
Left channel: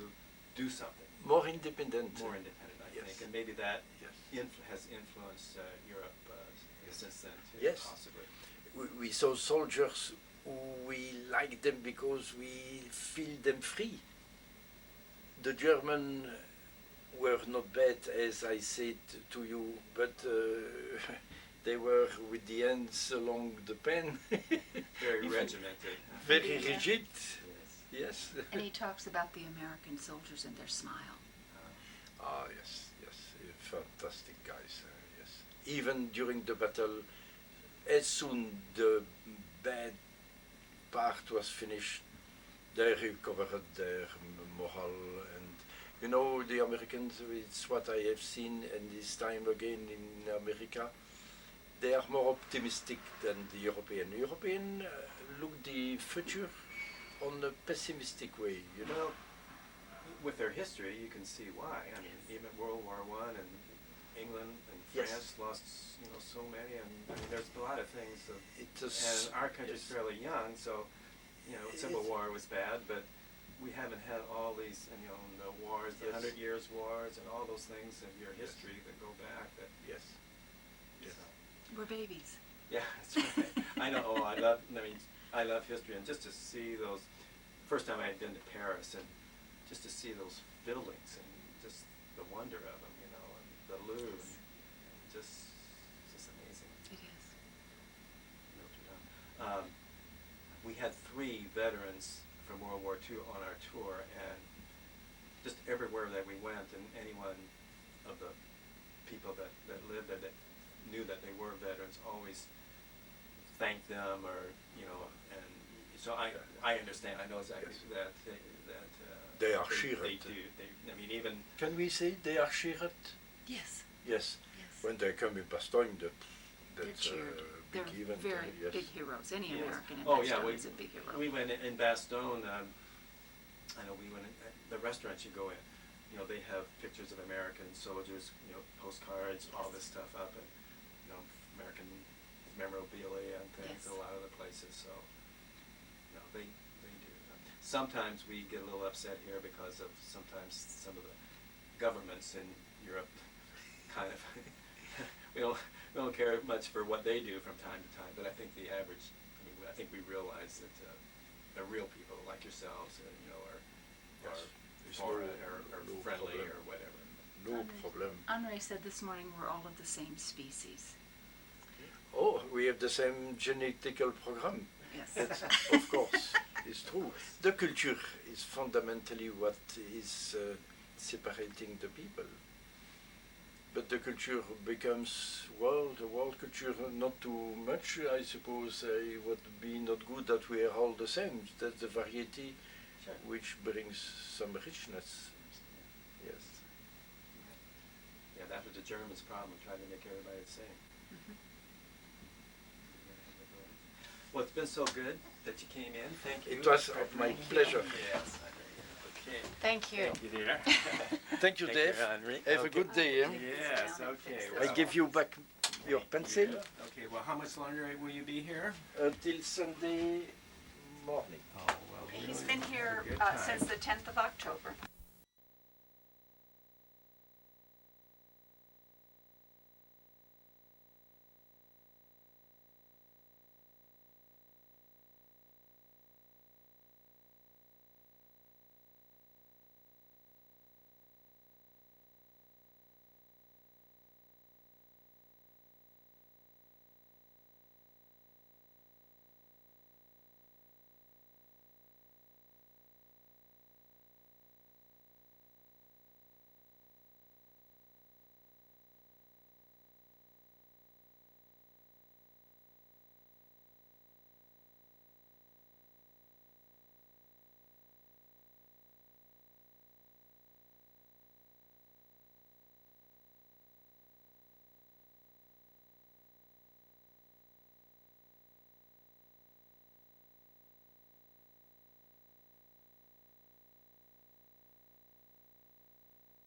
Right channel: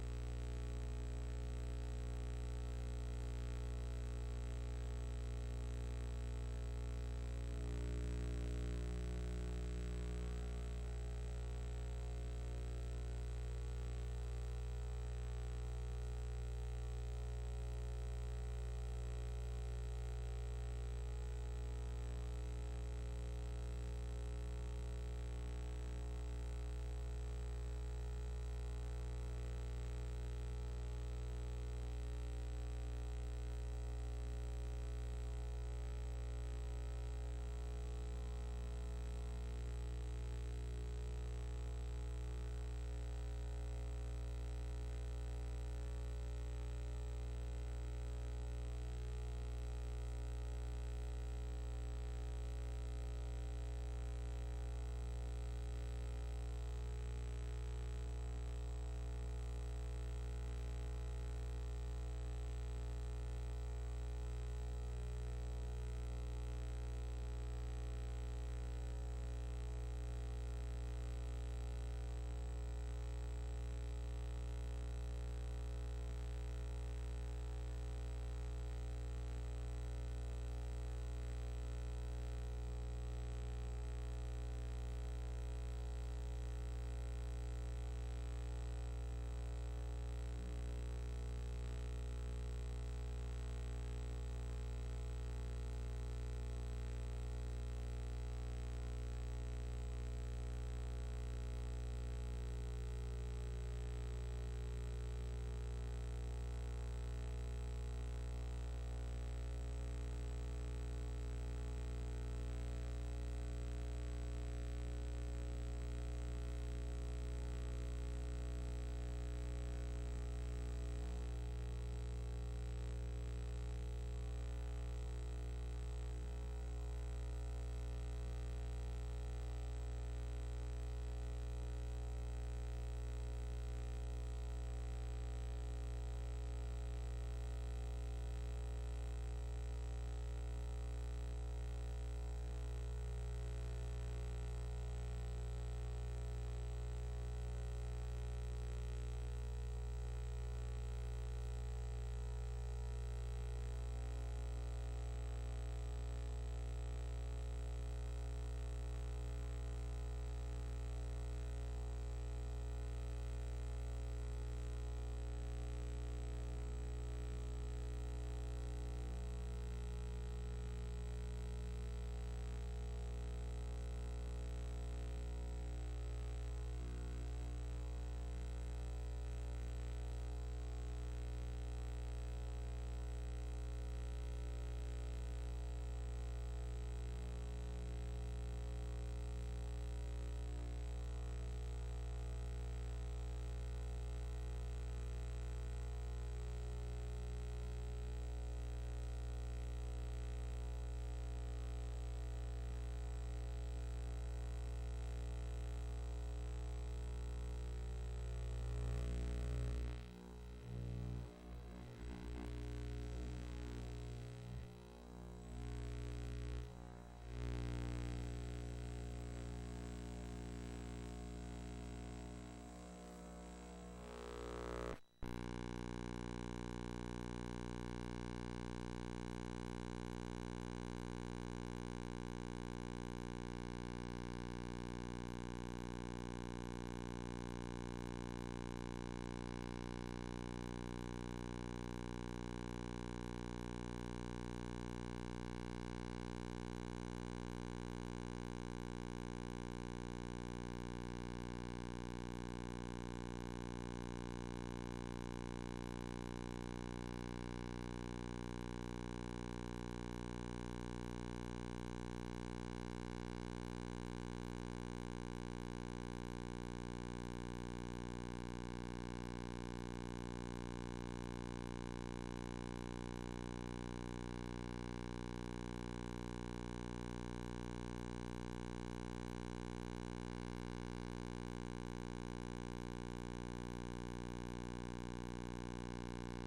do something. More independent. More independent, I Yes. think. And maybe that Yes. has influenced Europe since then too, Yes. possibly. We saw soldiers who we liked them because we feel them free. The German were not bad, as I said to you, but they were with the hands along the pen. Very regimented. Very Yeah. rigid. Yes. And he talks about the American soldiers and their smile. Ah, yes, fantastic guys. Yes. Even during the battle, as soon the bad part was finished, they recovered their morale. And you know, the Americans, it's what I have seen, and this time again in America, they are more optimistic than the European. European look the future on a pessimistic way, you know. With their history, you can see why. I mean, even World War I and England and Yes. France lost, so many. And I mean, there's a lot of things. It is, And our country's yes. fairly young, so Civil It- War was bad, but we haven't had all these, the wars, the Yes. 100 Years Wars, and all those things of your Yes. history that go back. That Yes. Yes. We're babies. Yeah, that's right. I know. Oh, I love history, and just to see those. First time I had been to Paris, and just to see those buildings and just the wonder of them, and the Louvre, just amazing. It is. We had 3 veterans from World War II on our tour, and just everywhere that we went, and anyone of the people that lived there that knew that they were veterans always thanked them, or and so I understand. I know exactly Yes. that They are They cheered. do. I mean, even Can we say they are cheered? Yes. Yes. Yes. When they come in Bastogne, They're that's cheered. a They're big event. very Yes. big heroes. Any Yes. American in Oh, yeah, Bastogne we- is a big hero. we went in Bastogne. I know we went in the restaurant you go in. They have pictures of American soldiers, postcards, all this stuff up, and American memorabilia and things. Yes. A lot of the places. So they do. Sometimes we get a little upset here because of sometimes some of the governments in Europe kind of we don't care much for what they do from time to time. But I think the average, I think we realize that they're real people like yourselves, Yes. It's or no friendly problem. or whatever. No problem. Henri said this morning we're all of the same species. Oh, we have the same genetical program. Yes. That's, of course, it's true. The culture is fundamentally what is separating the people. but the culture becomes, well, the world culture not too much. I suppose it would be not good that we are all the same. That's the variety Sure. which brings some richness. Yes. Yeah, that was the Germans' problem, trying to make everybody the same. Well, it's been so good that you came in. Thank you. It was my pleasure. Yes. Okay. Thank you. Thank you, dear. Thank you, Dave. Henri. Have a Okay. good day. Yes, okay. I well, give you back your pencil Okay, well, how much longer will you be here? until Sunday morning. Oh, well. He's been here Good since time. the 10th of October.